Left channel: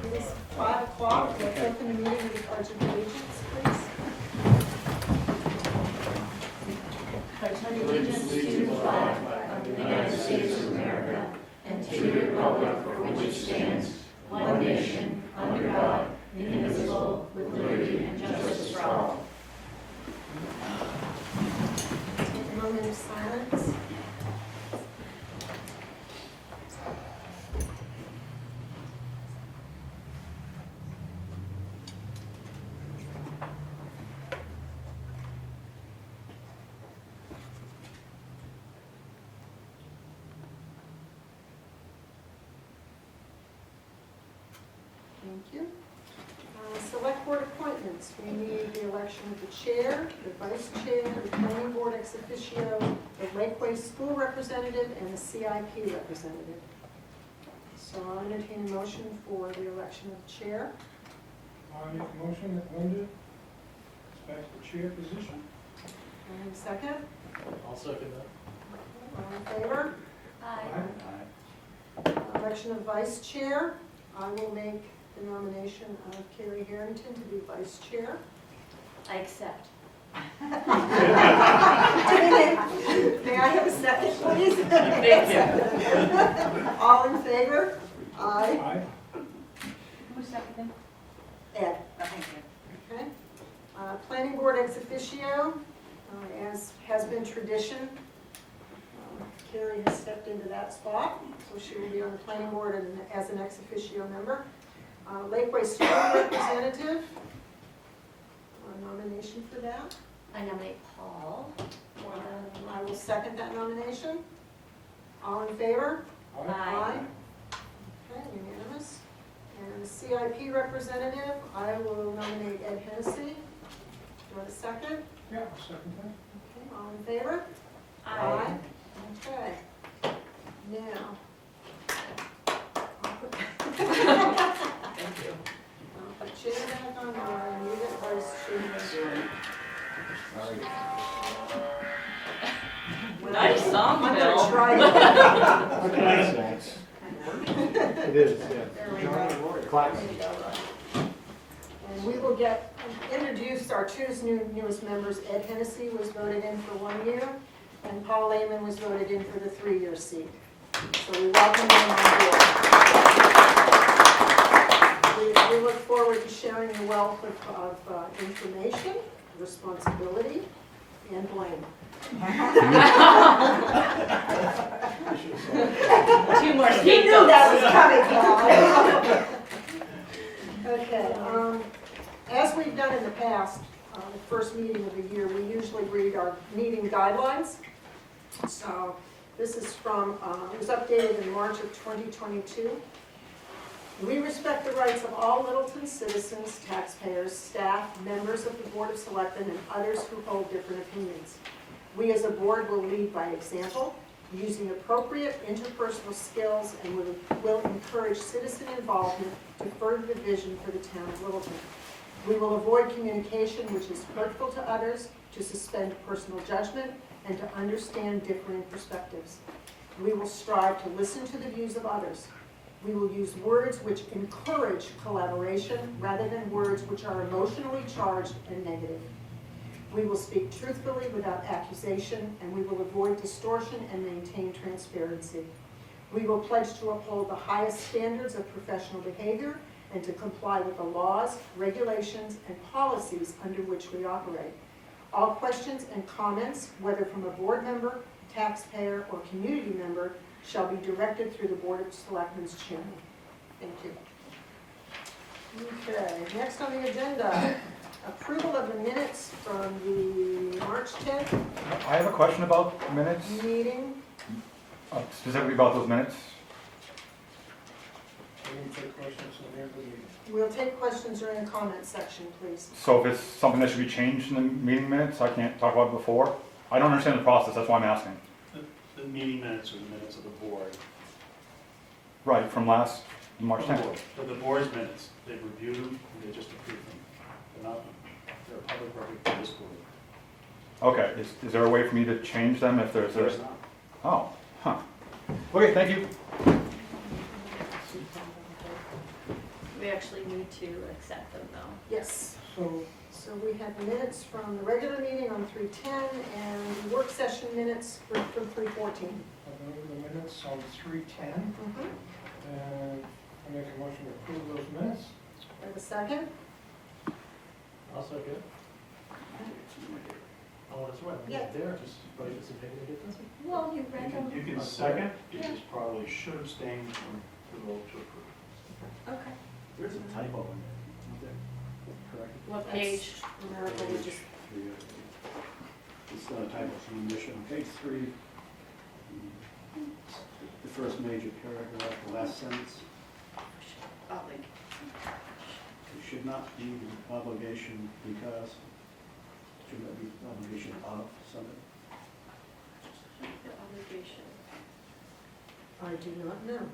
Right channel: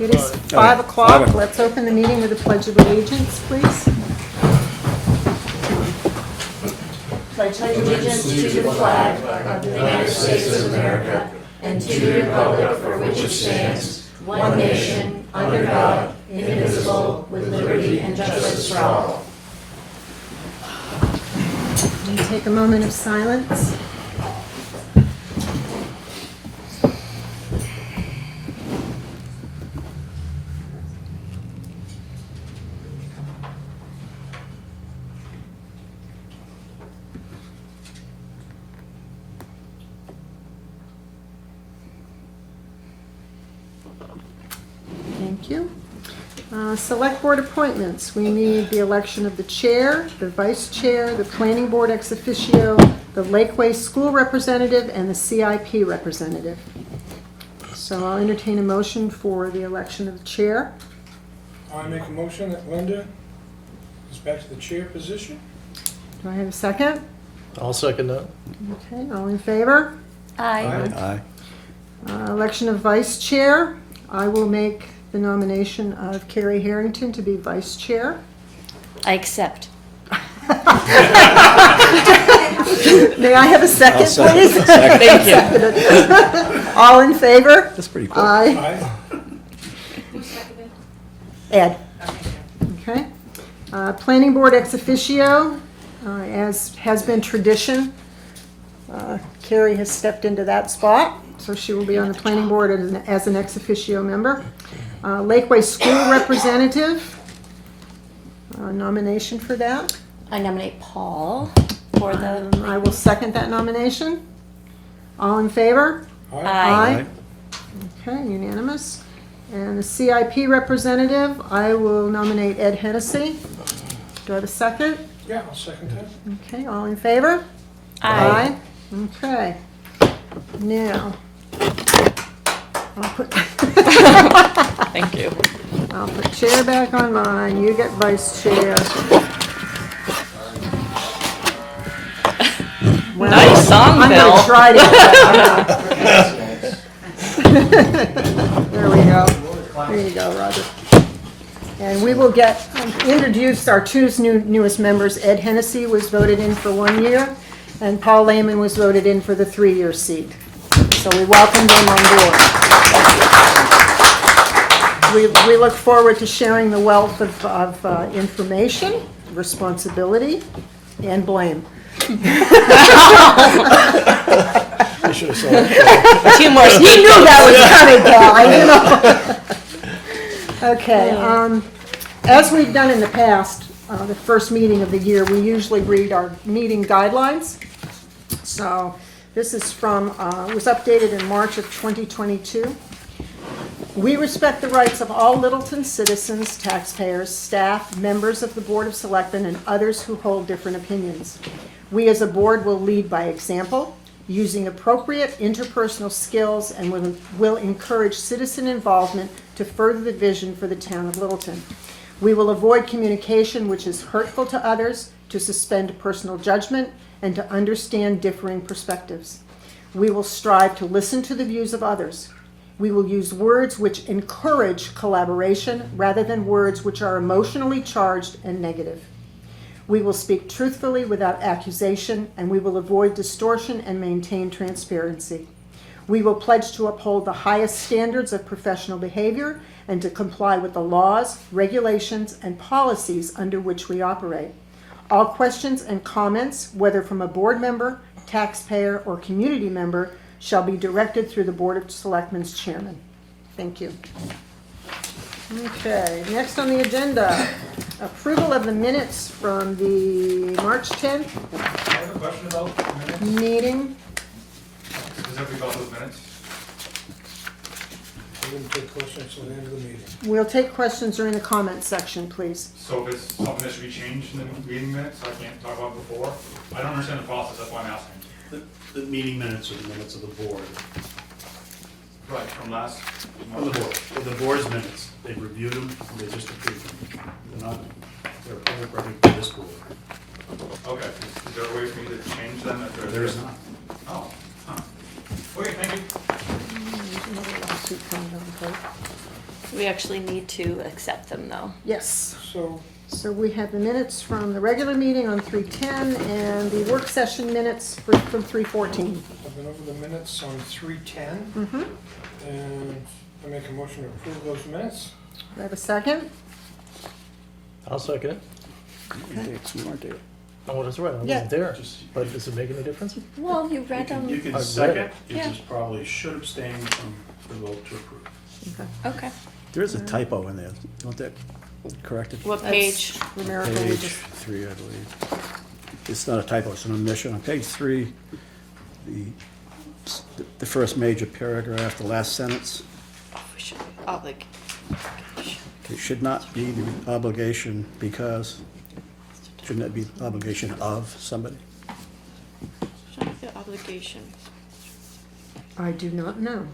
It is 5 o'clock. Let's open the meeting with a pledge of allegiance, please. Pledge allegiance to the flag of the United States of America and to the republic for which it stands, one nation, under God, indivisible, with liberty and justice for all. And take a moment of silence. Thank you. Select board appointments. We need the election of the chair, the vice chair, the planning board ex officio, the Lakeway school representative, and the CIP representative. So I'll entertain a motion for the election of the chair. I make a motion that Linda is back to the chair position. Do I have a second? I'll second that. Okay, all in favor? Aye. Election of vice chair. I will make the nomination of Carrie Harrington to be vice chair. I accept. May I have a second, please? Thank you. All in favor? That's pretty cool. Aye. Aye. Ed. Okay. Planning board ex officio, as has been tradition, Carrie has stepped into that spot, so she will be on the planning board as an ex officio member. Lakeway school representative, nomination for that. I nominate Paul for the. I will second that nomination. All in favor? Aye. Okay, unanimous. And the CIP representative, I will nominate Ed Hennessy. Do I have a second? Yeah, I'll second that. Okay, all in favor? Aye. Okay. Now, I'll put, Thank you. I'll put chair back on mine. You get vice chair. Well, Nice song, I'm Bill. gonna try to. There we go. There you go, Roger. And we will get introduce our two newest members. Ed Hennessy was voted in for 1 year, and Paul Lehman was voted in for the 3-year seat. So we welcome them on board. We look forward to sharing the wealth of information, responsibility, and blame. I should have saw that. 2 more You knew that was coming, Cal, I knew. Okay, as we've done in the past, the first meeting of the year, we usually read our meeting guidelines. So this is from, it was updated in March of 2022. We respect the rights of all Littleton citizens, taxpayers, staff, members of the Board of Selectmen, and others who hold different opinions. We as a board will lead by example, using appropriate interpersonal skills, and will encourage citizen involvement to further the vision for the town of Littleton. We will avoid communication which is hurtful to others, to suspend personal judgment, and to understand differing perspectives. We will strive to listen to the views of others. We will use words which encourage collaboration rather than words which are emotionally charged and negative. We will speak truthfully without accusation, and we will avoid distortion and maintain transparency. We will pledge to uphold the highest standards of professional behavior and to comply with the laws, regulations, and policies under which we operate. All questions and comments, whether from a board member, taxpayer, or community member, shall be directed through the Board of Selectmen's chairman. Thank you. Okay, next on the agenda, approval of the minutes from the March 10th I have a question about the minutes, meeting. specifically about those minutes. I'm going to take questions at the end of the meeting. We'll take questions during the comment section, please. So if it's something that should be changed in the meeting minutes, I can't talk about it before. I don't understand the process, that's why I'm asking. The meeting minutes are the minutes of the board. Right, from last March From the 10th. board. For the board's minutes, they reviewed them, and they just approved them. They're not, they're a public record for this board. Okay, is there a way for me to change them if there's? There's not. Oh, huh. Okay, thank you. We actually need to accept them though. Yes. So, We have the minutes from the regular meeting on 3:10 and the work session minutes from 3:14. I've been over the minutes on 3:10, Mm-hmm. and I make a motion to approve those minutes. Do I have a second? I'll second it. We weren't there. Oh, that's right, I Yeah. wasn't there, but is it making a difference? Well, you read them. You can I've second, read you Yeah. just probably should abstain from the vote to approve. Okay. There is a typo in there, don't that correct it? What page? Numerical, we Page just, 3, I believe. It's not a typo, it's an omission. On page 3, the first major paragraph, the last sentence, We should, gosh. it should not be the obligation because, shouldn't that be obligation of somebody? Should be the obligation. I do not know.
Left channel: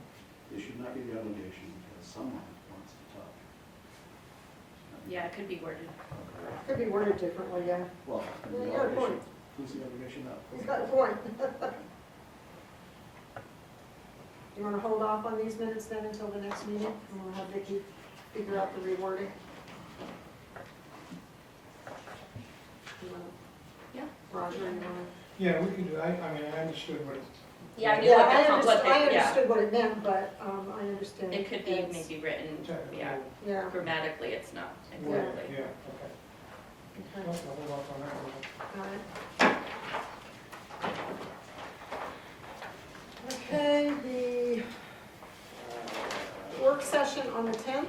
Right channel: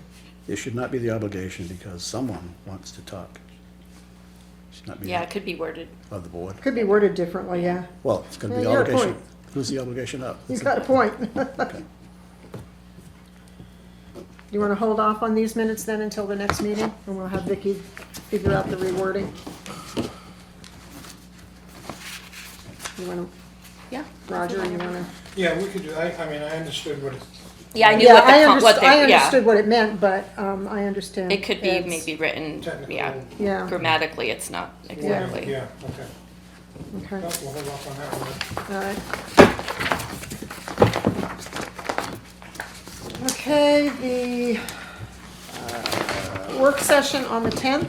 It should not be the obligation because someone wants to talk. It should not be Yeah, it could be worded. of the board. Could be worded differently, yeah. Well, it's gonna be Yeah, you're a obligation. point. Who's the obligation of? He's got a point. Okay. You want to hold off on these minutes then until the next meeting, and we'll have Vicky figure out the rewording? You want to, Yeah. Roger, you want to? Yeah, we could do, I mean, I understood what it, Yeah, I knew Yeah, what the, I what they, I yeah. understood what it meant, but I understand. It could be Ed's- maybe written, technical. yeah, Yeah, grammatically it's not exactly. Yeah, okay. okay, No, we'll hold off on that one. all right. Okay, the work session on the 10th.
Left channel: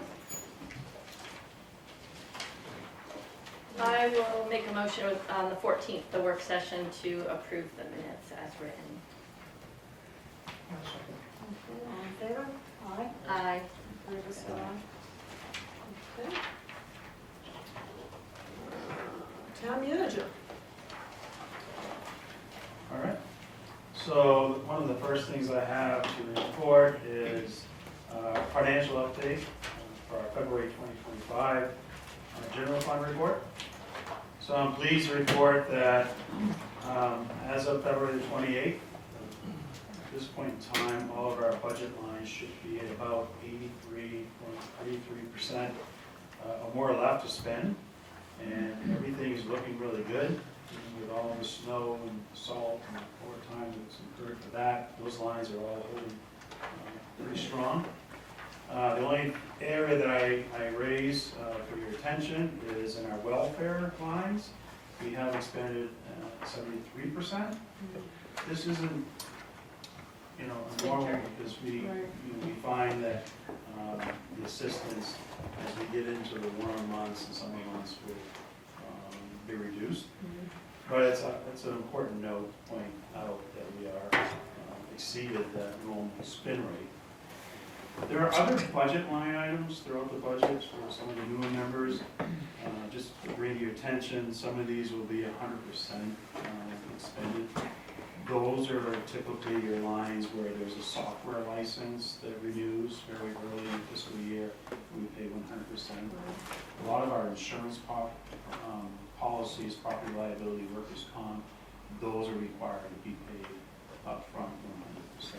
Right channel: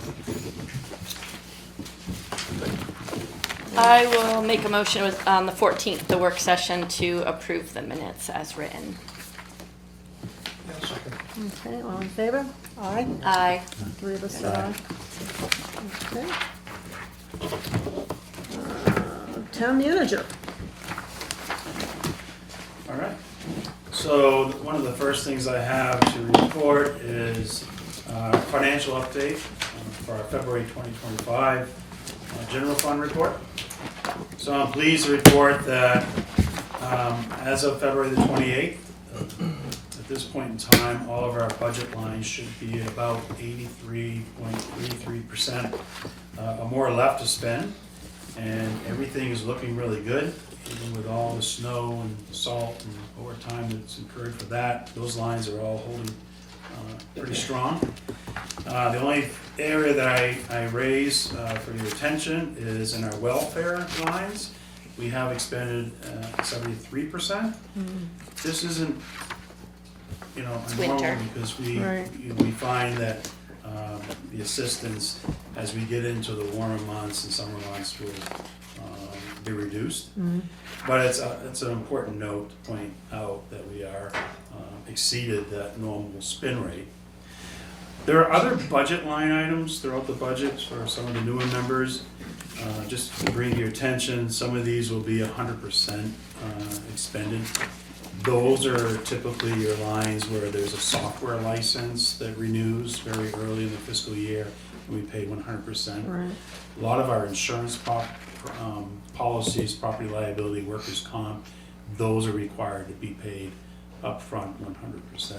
I will make a motion with, on the 14th, the work session to approve the minutes as written. Yeah, second. Okay, all in favor? Aye. Aye. 3 of us said aye. Okay. Town manager. All right. So one of the first things I have to report is financial update for our February 2025 general fund report. So I'm pleased to report that as of February the 28th, at this point in time, all of our budget lines should be about 83.33% or more left to spend. And everything is looking really good, even with all the snow and salt and overtime that's incurred for that. Those lines are all holding pretty strong. The only area that I raise for your attention is in our welfare lines. We have expended 73%. This isn't, It's normal winter. because Right. we find that the assistance as we get into the warmer months and summer months will be reduced. But it's an important note to point out that we are exceeded that normal spin rate. There are other budget line items throughout the budget for some of the newer members. Just to bring to your attention, some of these will be 100% expended. Those are typically your lines where there's a software license that renews very early in the fiscal year, and we pay 100%. Right. A lot of our insurance policies, property liability, workers' comp, those are required to be paid upfront 100%.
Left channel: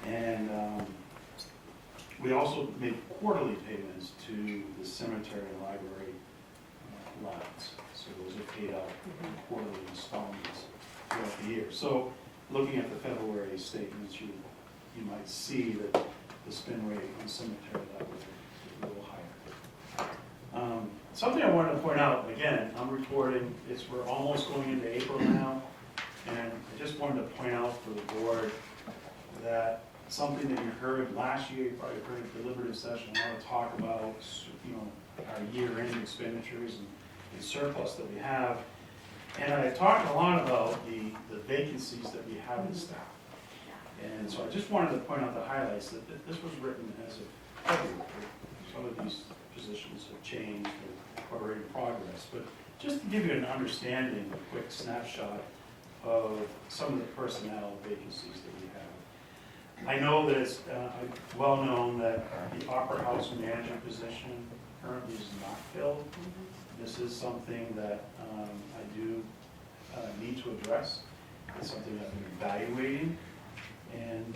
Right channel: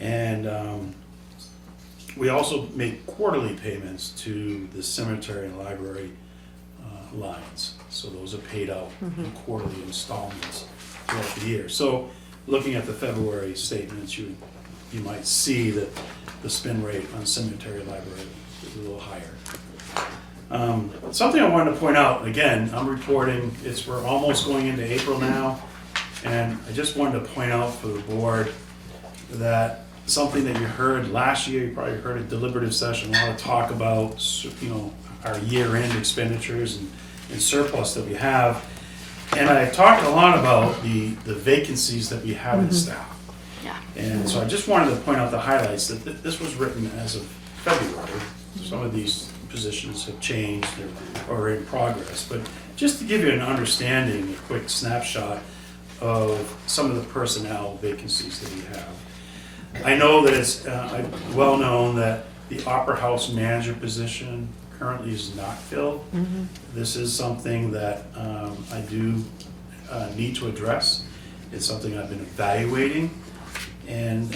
And we also make quarterly payments to the cemetery and library lines. So those are paid out in quarterly installments throughout the year. So looking at the February statements, you might see that the spin rate on cemetery library is a little higher. Something I wanted to point out, again, I'm reporting, we're almost going into April now, and I just wanted to point out for the board that something that you heard last year, you probably heard a deliberative session, a lot of talk about, our year-end expenditures and surplus that we have. And I talked a lot about the vacancies that we have in staff. Yeah. And so I just wanted to point out the highlights, that this was written as of February. Some of these positions have changed or are in progress. But just to give you an understanding, a quick snapshot of some of the personnel vacancies that we have. I know that it's well known that the Opera House manager position currently is not filled. This is something that I do need to address. It's something I've been evaluating, and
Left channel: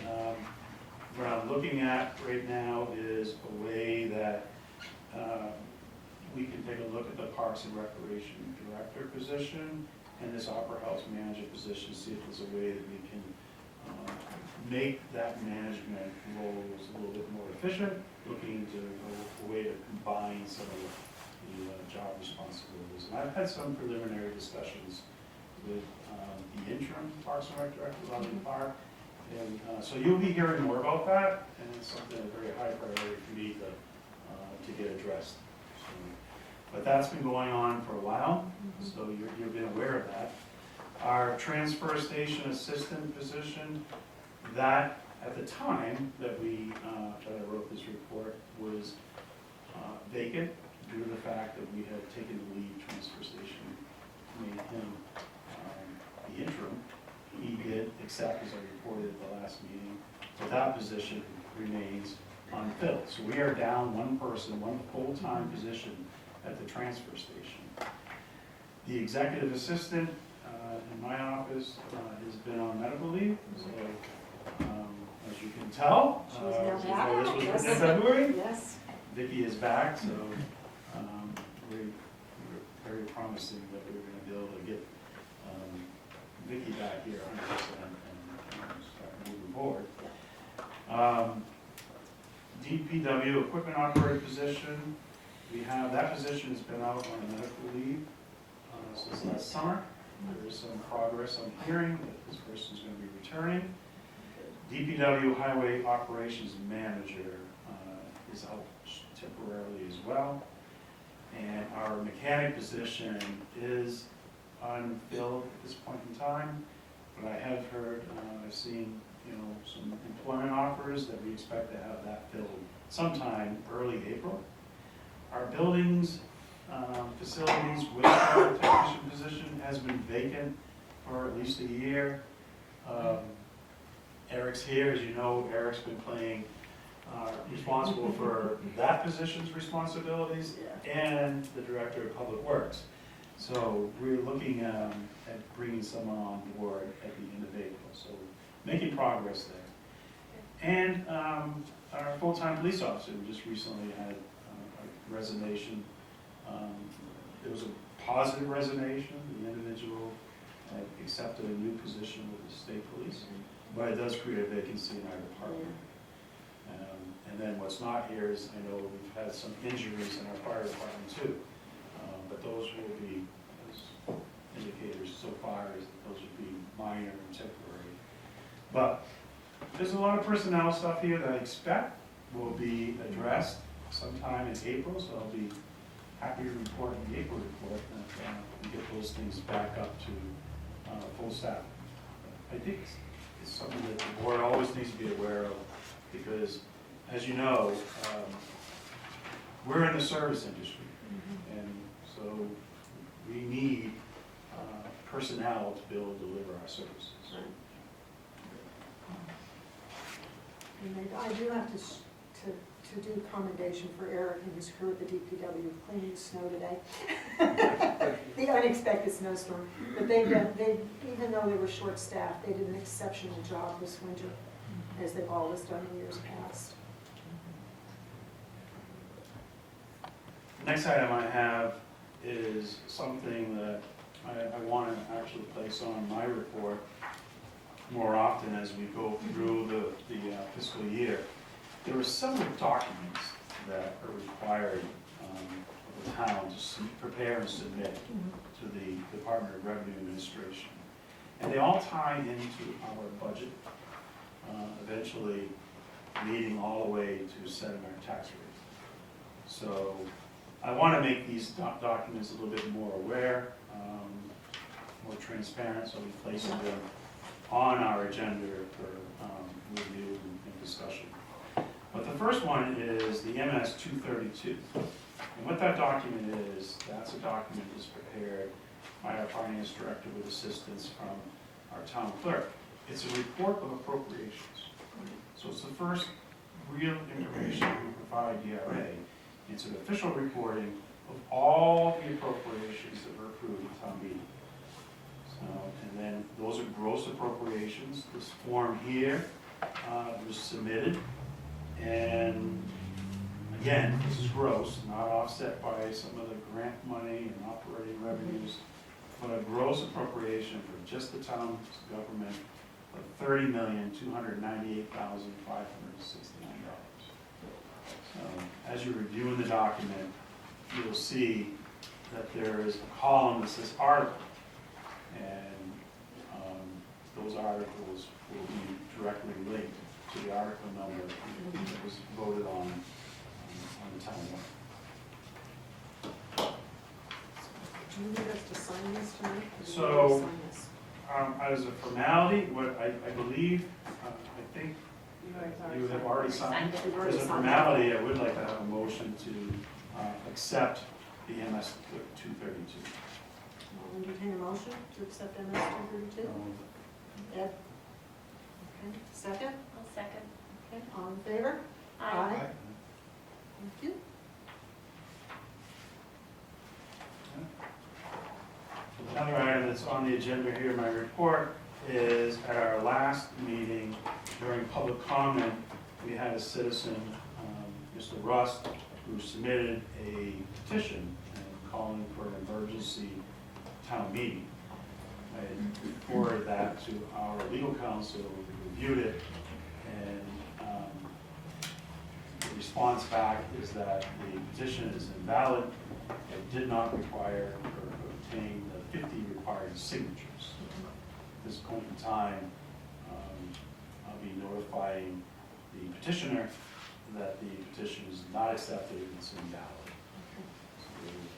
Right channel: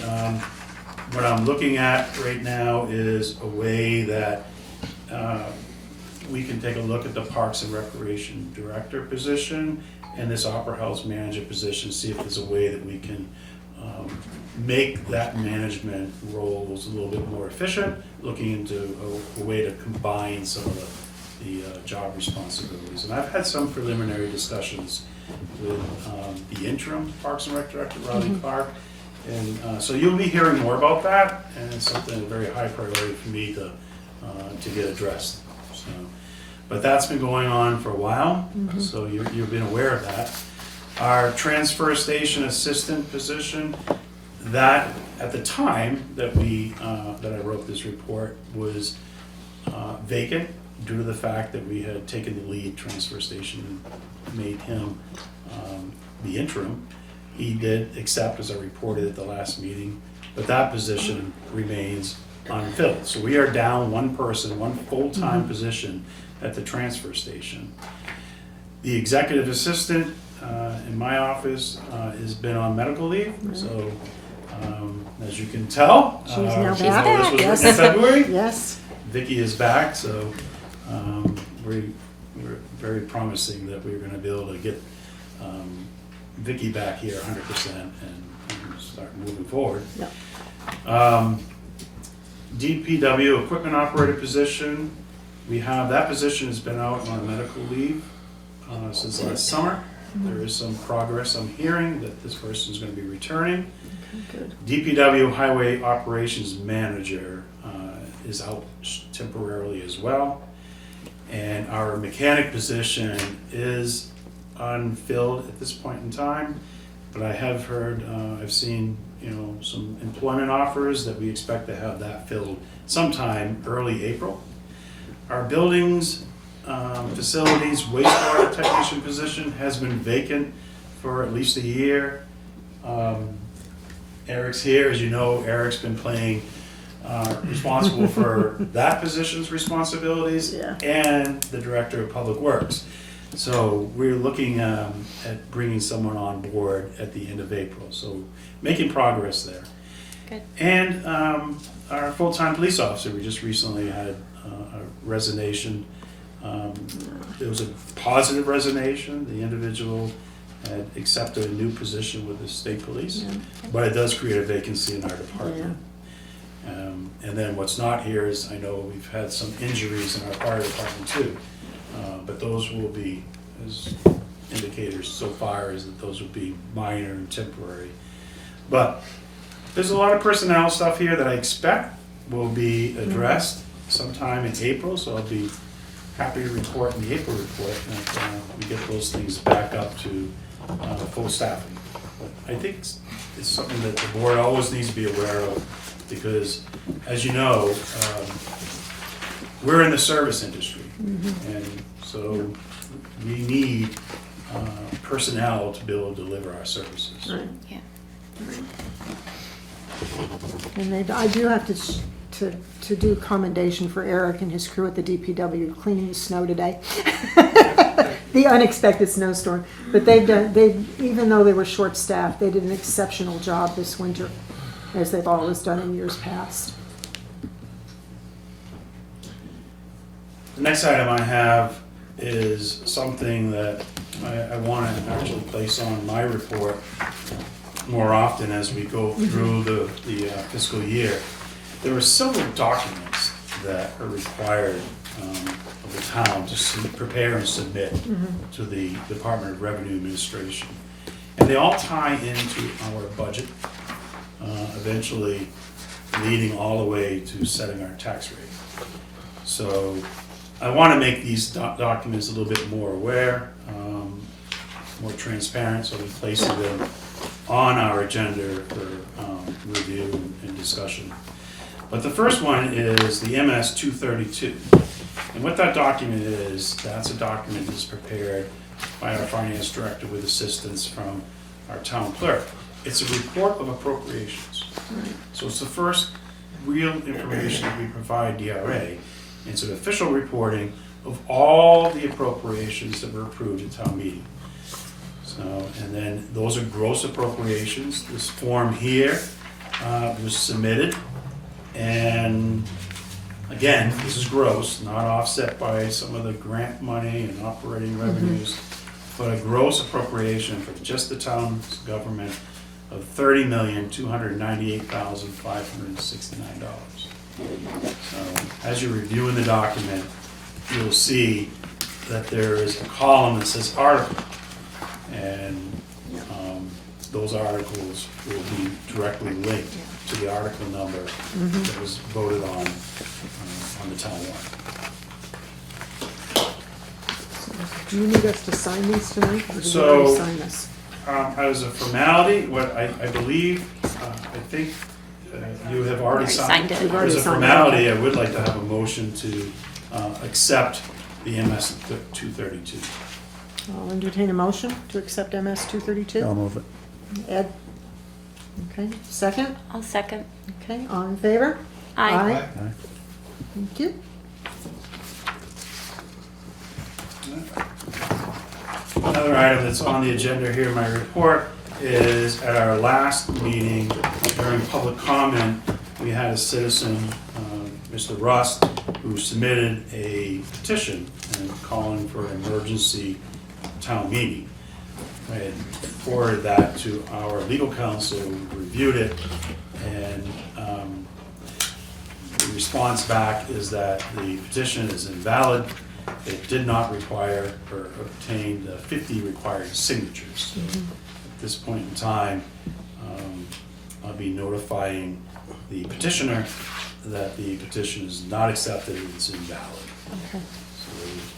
what I'm looking at right now is a way that we can take a look at the Parks and Recreation Director position and this Opera House Manager position, see if there's a way that we can make that management roles a little bit more efficient, looking into a way to combine some of the job responsibilities. And I've had some preliminary discussions with the interim Parks and Rec Director, Riley Clark. And so you'll be hearing more about that, and it's something, a very high priority for me to get addressed. So, but that's been going on for a while, so you've been aware of that. Our transfer station assistant position, that at the time that that I wrote this report was vacant due to the fact that we had taken the lead transfer station and made him the interim. He did accept, as I reported at the last meeting, but that position remains unfilled. So we are down one person, one full-time position at the transfer station. The executive assistant in my office has been on medical leave, so as you can tell, She's now this back, was yes. written in February. Yes. Vicky is back, so we're very promising that we're gonna be able to get Vicky back here 100% and start moving forward. Yep. DPW equipment operator position, we have, that position has been out on medical leave since last summer. There is some progress. I'm hearing that this person is gonna be returning. Good. DPW highway operations manager is out temporarily as well. And our mechanic position is unfilled at this point in time, but I have heard, I've seen, some employment offers that we expect to have that filled sometime early April. Our buildings, facilities, wastewater technician position has been vacant for at least a year. Eric's here, as you know, Eric's been responsible for that position's responsibilities and the director of public works. So we're looking at bringing someone on board at the end of April, so making progress there. Good. And our full-time police officer, we just recently had a resignation. It was a positive resignation. The individual had accepted a new position with the state police, but it does create a vacancy in our department. And then what's not here is, I know we've had some injuries in our fire department too. But those will be, as indicators so far, is that those will be minor and temporary. But there's a lot of personnel stuff here that I expect will be addressed sometime in April, so I'll be happy to report in the April report that we get those things back up to full staffing. But I think it's something that the board always needs to be aware of, because as you know, we're in the service industry. And so we need personnel to be able to deliver our services. Right. Yeah. And I do have to do commendation for Eric and his crew at the DPW cleaning the snow today. The unexpected snowstorm. But even though they were short-staffed, they did an exceptional job this winter, as they've always done in years past. The next item I have is something that I want to actually place on my report more often as we go through the fiscal year. There are several documents that are required of the town to prepare and submit to the Department of Revenue Administration. And they all tie into our budget, eventually leading all the way to setting our tax rate. So I want to make these documents a little bit more aware, more transparent, so I'm placing them on our agenda for review and discussion. But the first one is the MS 232. And what that document is, that's a document that's prepared by our finance director with assistance from our town clerk. It's a report of appropriations. So it's the first real information that we provide DRA. It's an official reporting of all the appropriations that were approved at town meeting. So, and then those are gross appropriations. This form here was submitted, and again, this is gross, not offset by some of the grant money and operating revenues, but a gross appropriation for just the town's government of $30,298,569. So, as you're reviewing the document, you'll see that there is a column that says article, and those articles will be directly linked to the article number that was voted on the town warrant. Do you need us to sign these tonight, or do you So- already sign this? As a formality, what I believe, I think you have already signed. it. We've already As a signed it. formality, I would like to have a motion to accept the MS 232. I'll entertain a motion to accept MS 232. I'll move it. Ed? Okay, second? I'll second. Okay, all in favor? Aye. Thank you. Another item that's on the agenda here in my report is at our last meeting during public comment, we had a citizen, Mr. Rust, who submitted a petition and calling for an emergency town meeting. I had forwarded that to our legal counsel, who reviewed it, and the response back is that the petition is invalid. It did not require or obtain the 50 required signatures. At this point in time, I'll be notifying the petitioner that the petition is not accepted, it's invalid. Okay.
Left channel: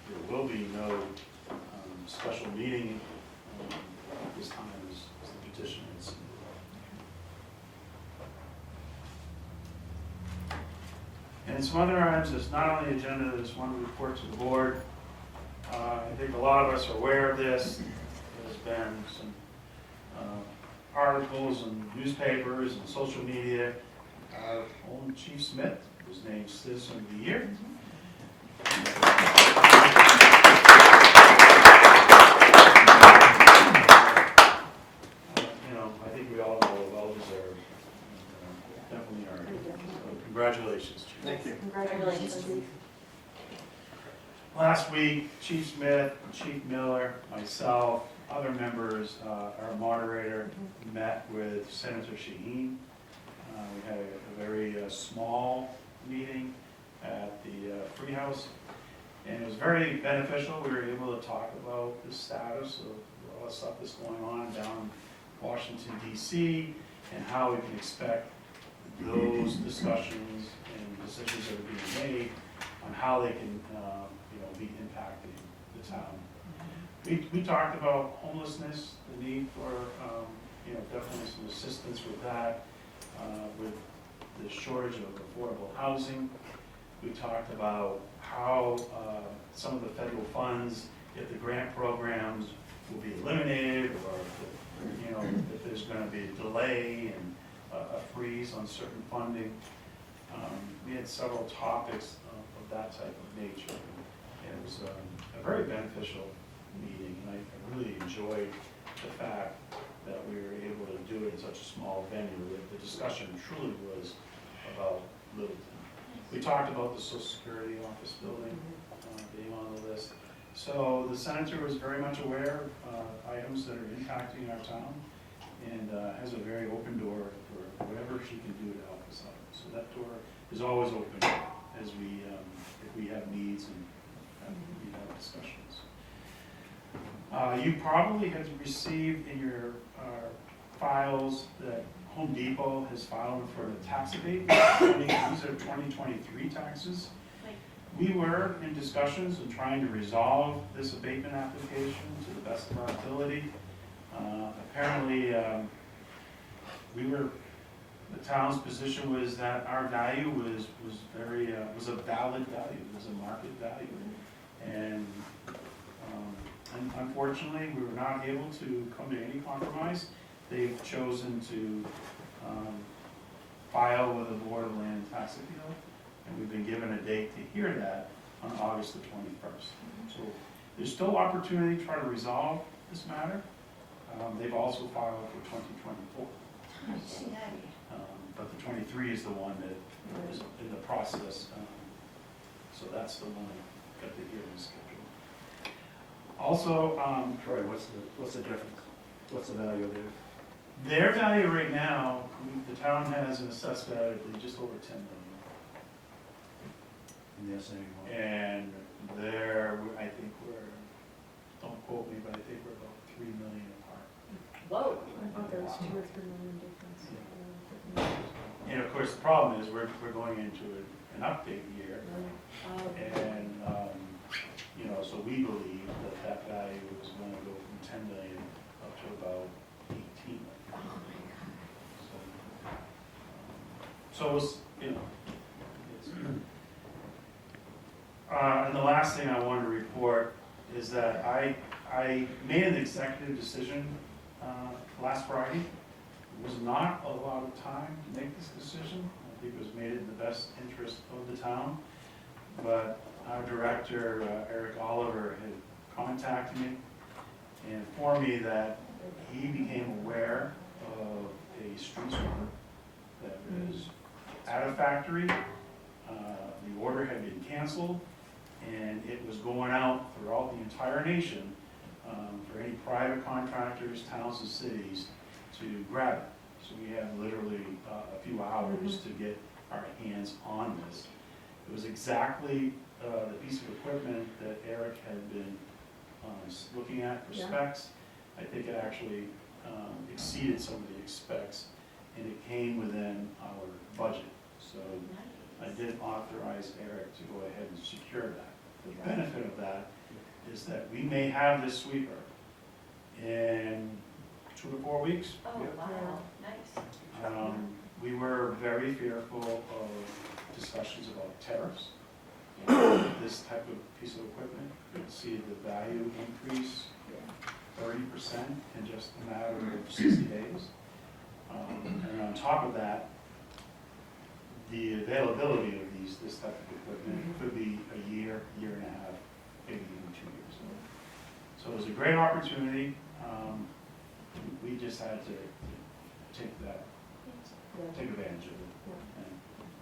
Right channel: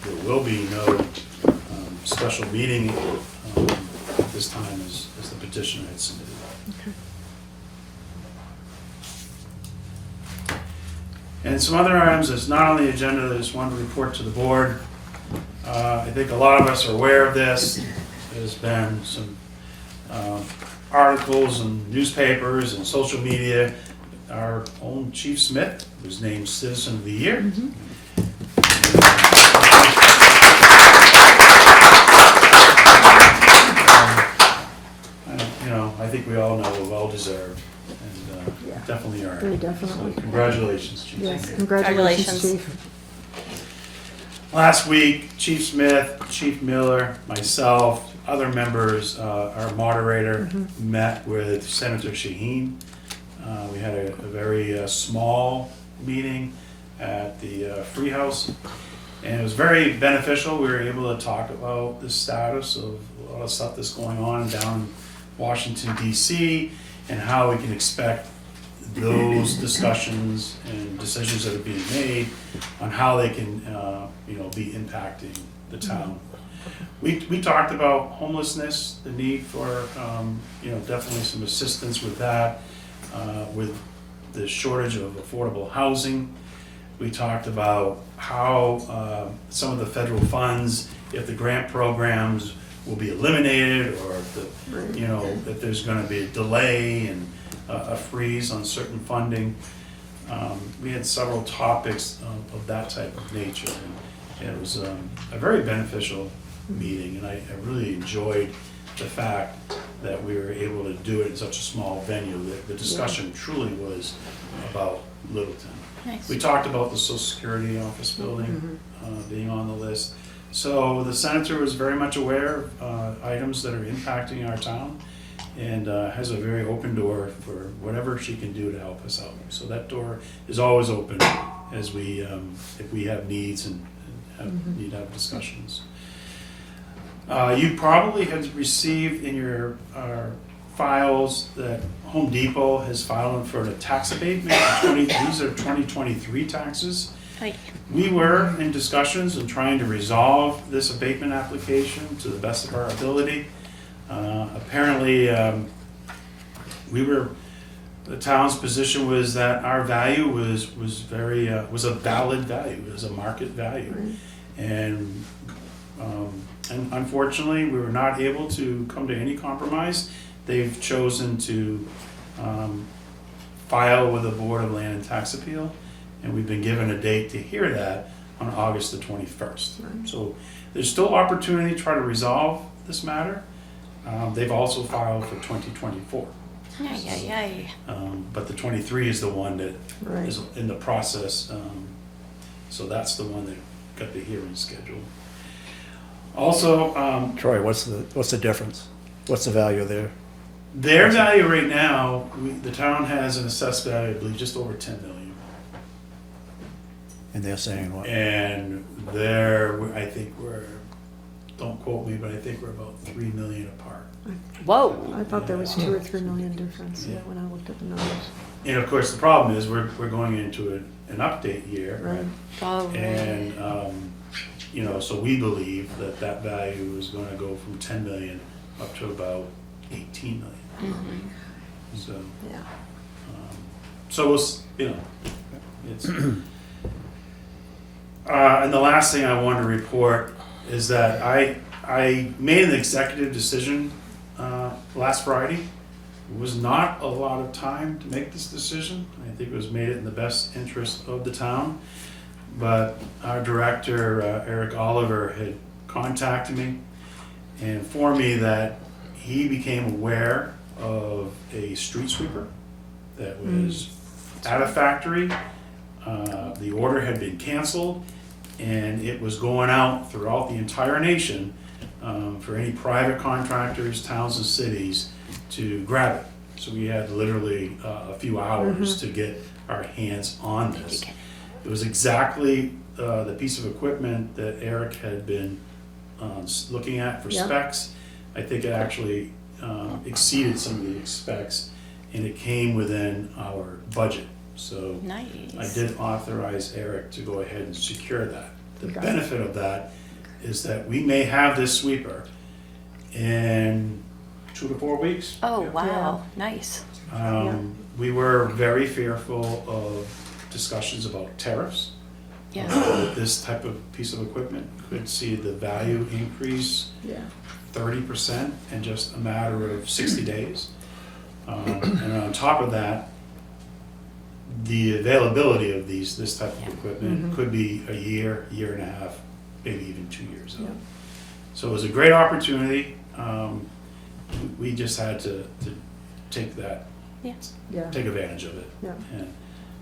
So there will be no special meeting at this time as the petitioner had submitted. And some other items that's not on the agenda that I just wanted to report to the board. I think a lot of us are aware of this. There's been some articles in newspapers and social media. Our own Chief Smith was named Citizen of the Year. I think we all know well deserved, and Yeah. definitely are. Very definitely. So congratulations, Chief. Yes, congratulations, Congratulations. Chief. Last week, Chief Smith, Chief Miller, myself, other members, our moderator, met with Senator Shaheen. We had a very small meeting at the Free House, and it was very beneficial. We were able to talk about the status of a lot of stuff that's going on down in Washington, D.C., and how we can expect those discussions and decisions that are being made on how they can, be impacting the town. We talked about homelessness, the need for, definitely some assistance with that, with the shortage of affordable housing. We talked about how some of the federal funds, if the grant programs will be eliminated, or if there's going to be a delay and a freeze on certain funding. We had several topics of that type of nature. And it was a very beneficial meeting, and I really enjoyed the fact that we were able to do it in such a small venue. The discussion truly was about Littleton. Nice. We talked about the Social Security office building being on the list. So the senator was very much aware of items that are impacting our town, and has a very open door for whatever she can do to help us out. So that door is always open as we, if we have needs and need to have discussions. You probably have received in your files that Home Depot has filed for a tax abatement. These are 2023 taxes. Aye. We were in discussions and trying to resolve this abatement application to the best of our ability. Apparently, the town's position was that our value was a valid value, it was a market value. And unfortunately, we were not able to come to any compromise. They've chosen to file with the Board of Land and Tax Appeal, and we've been given a date to hear that on August the 21st. So there's still opportunity to try to resolve this matter. They've also filed for 2024. But the 23 is the one that Right. is in the process, so that's the one that got the hearing scheduled. Also, Troy, what's the difference? What's the value there? their value right now, the town has an assessed value, I believe, just over 10 million. And they're saying what? And I think don't quote me, but I think we're about 3 million apart. Whoa. I thought there was 2 or 3 million difference when I looked at the numbers. And of course, the problem is we're going into an update year. Right. Oh, And, so we believe that value is gonna go from 10 million up to about 18 million. So, Yeah. so it's, and the last thing I wanted to report is that I made an executive decision, last Friday. It was not a lot of time to make this decision. I think it was made in the best interest of the town. But our director, Eric Oliver, had contacted me and informed me that he became aware of a street sweeper that was at a factory. The order had been canceled, and it was going out throughout the entire nation for any private contractors, towns and cities to grab it. So we had literally a few hours to get our hands on this. It was exactly the piece of equipment that Eric had been looking at for Yeah. specs. I think it actually exceeded some of the specs, and it came within our budget. So nice. I did authorize Eric to go ahead and secure that. The Okay. benefit of that is that we may have this sweeper in 2 to 4 weeks. Oh, wow, nice. We were very fearful of discussions about tariffs. Yeah. With this type of piece of equipment, could see the value increase Yeah. 30% in just a matter of 60 days. And on top of that, the availability of this type of equipment could be a year, year and a half, maybe even 2 years out. Yeah. So it was a great opportunity. We just had to take Yeah. take advantage of it. Yeah. And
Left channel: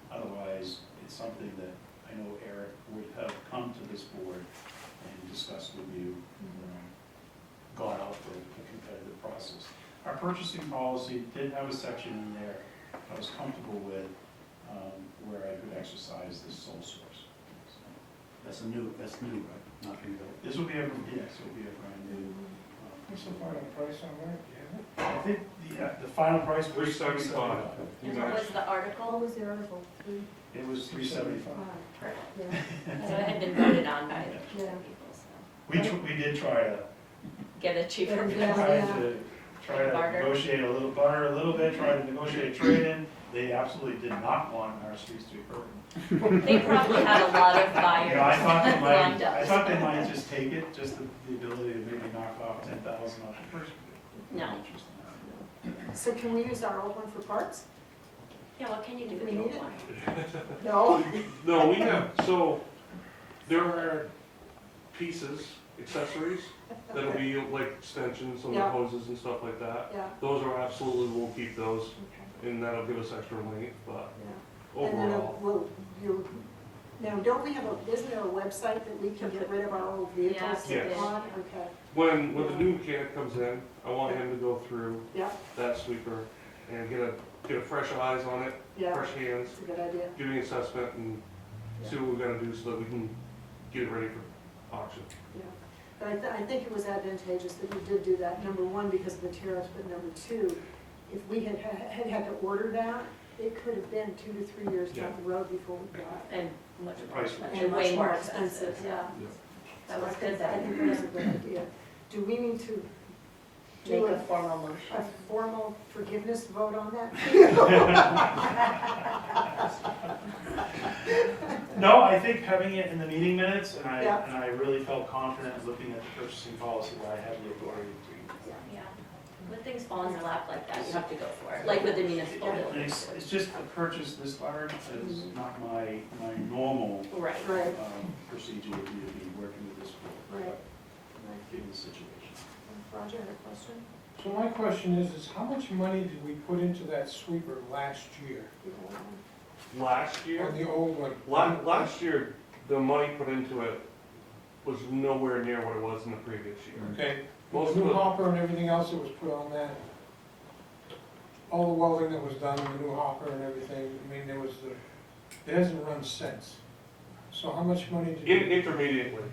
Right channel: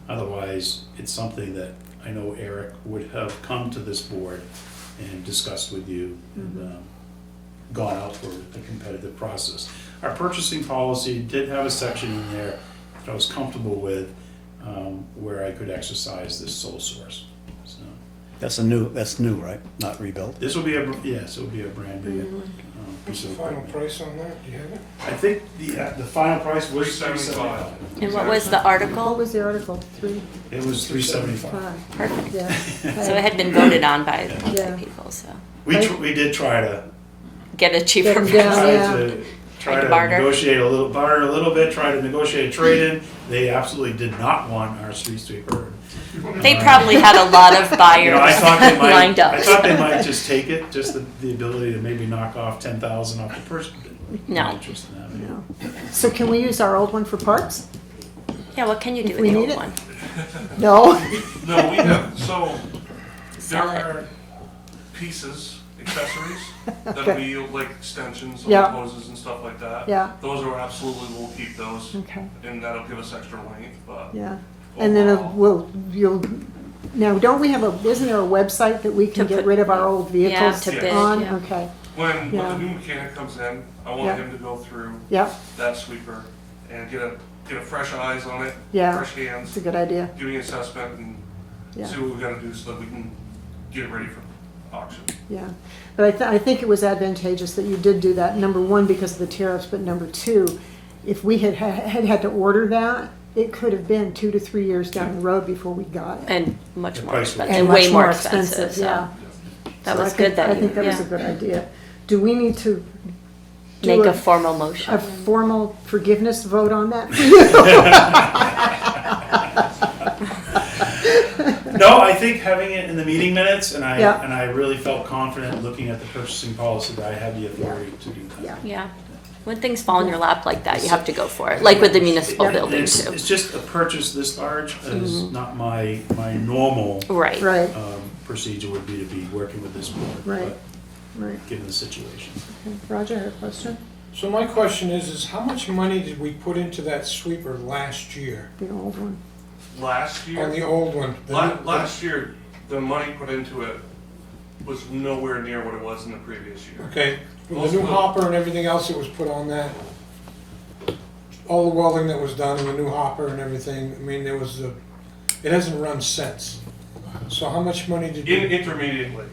otherwise, it's something that I know Eric would have come to this board and discussed with you and gone out for a competitive process. Our purchasing policy did have a section in there that I was comfortable with, where I could exercise this sole source. So That's new, right? Not rebuilt? this will be it will be a brand new What's piece the of final equipment. price on that? Do you have it? I think the final price was $375. And what was the What article? was the article? 3, It was $375. 5. Perfect. Yeah. So it had been voted on by Yeah. the people, so We did try to get a cheaper Get 'em down. price. try Like to barter? negotiate a little bit, try to negotiate a trade-in. They absolutely did not want our street sweeper. They probably had a lot of You buyers know, I thought they might, lined up. I thought they might just take it, just the ability to maybe knock off 10,000 off the person. No. Interest in that. No. So can we use our old one for parts? Yeah, what can you do If with we the need old it. one? No? No, we have, so there Sell it. are pieces, accessories, that Okay. we, like extensions on Yeah. the hoses and stuff like that. Yeah, Those are absolutely, we'll keep those, okay, and that'll give us extra length, but yeah. And then overall, now, don't we have isn't there a website that we can To get put- rid of our old vehicles to bid, on? yeah. Okay, when Yeah. the new mechanic comes in, I want Yeah. him to go through yep, that sweeper and get a fresh eyes on it, yeah, fresh hands, it's a good idea, give me an assessment and yeah, see what we gotta do so that we can get it ready for auction. yeah. But I think it was advantageous that you did do that, number one, because of the tariffs, but number two, if we had to order that, it could have been 2 to 3 years down the road before we got it. And much The more price was- expensive, And way much more expensive, so yeah. that So was I good think- that I you, think that was a yeah, good idea. Do we need to do make a a formal motion. formal forgiveness vote on that? No, I think having it in the meeting minutes, and Yeah. I really felt confident looking at the purchasing policy that I had the authority to do that. Yeah. Yeah, when things fall in your lap like that, you have to go for it, like with the municipal Yeah. building It's, too. it's just a purchase this large is not my normal Right, Right, procedure would be working with this board. Right. but right. Given the situation. Roger, had a question? So my question is how much money did we put into that sweeper last year? The old one. Last On year, the old one? last year, the money put into it was nowhere near what it was in the previous year. Okay, with the new hopper and everything else that was put on that, all the welding that was done, and the new hopper and everything, I mean, there was it hasn't run since. So how much money did you? Intermediately,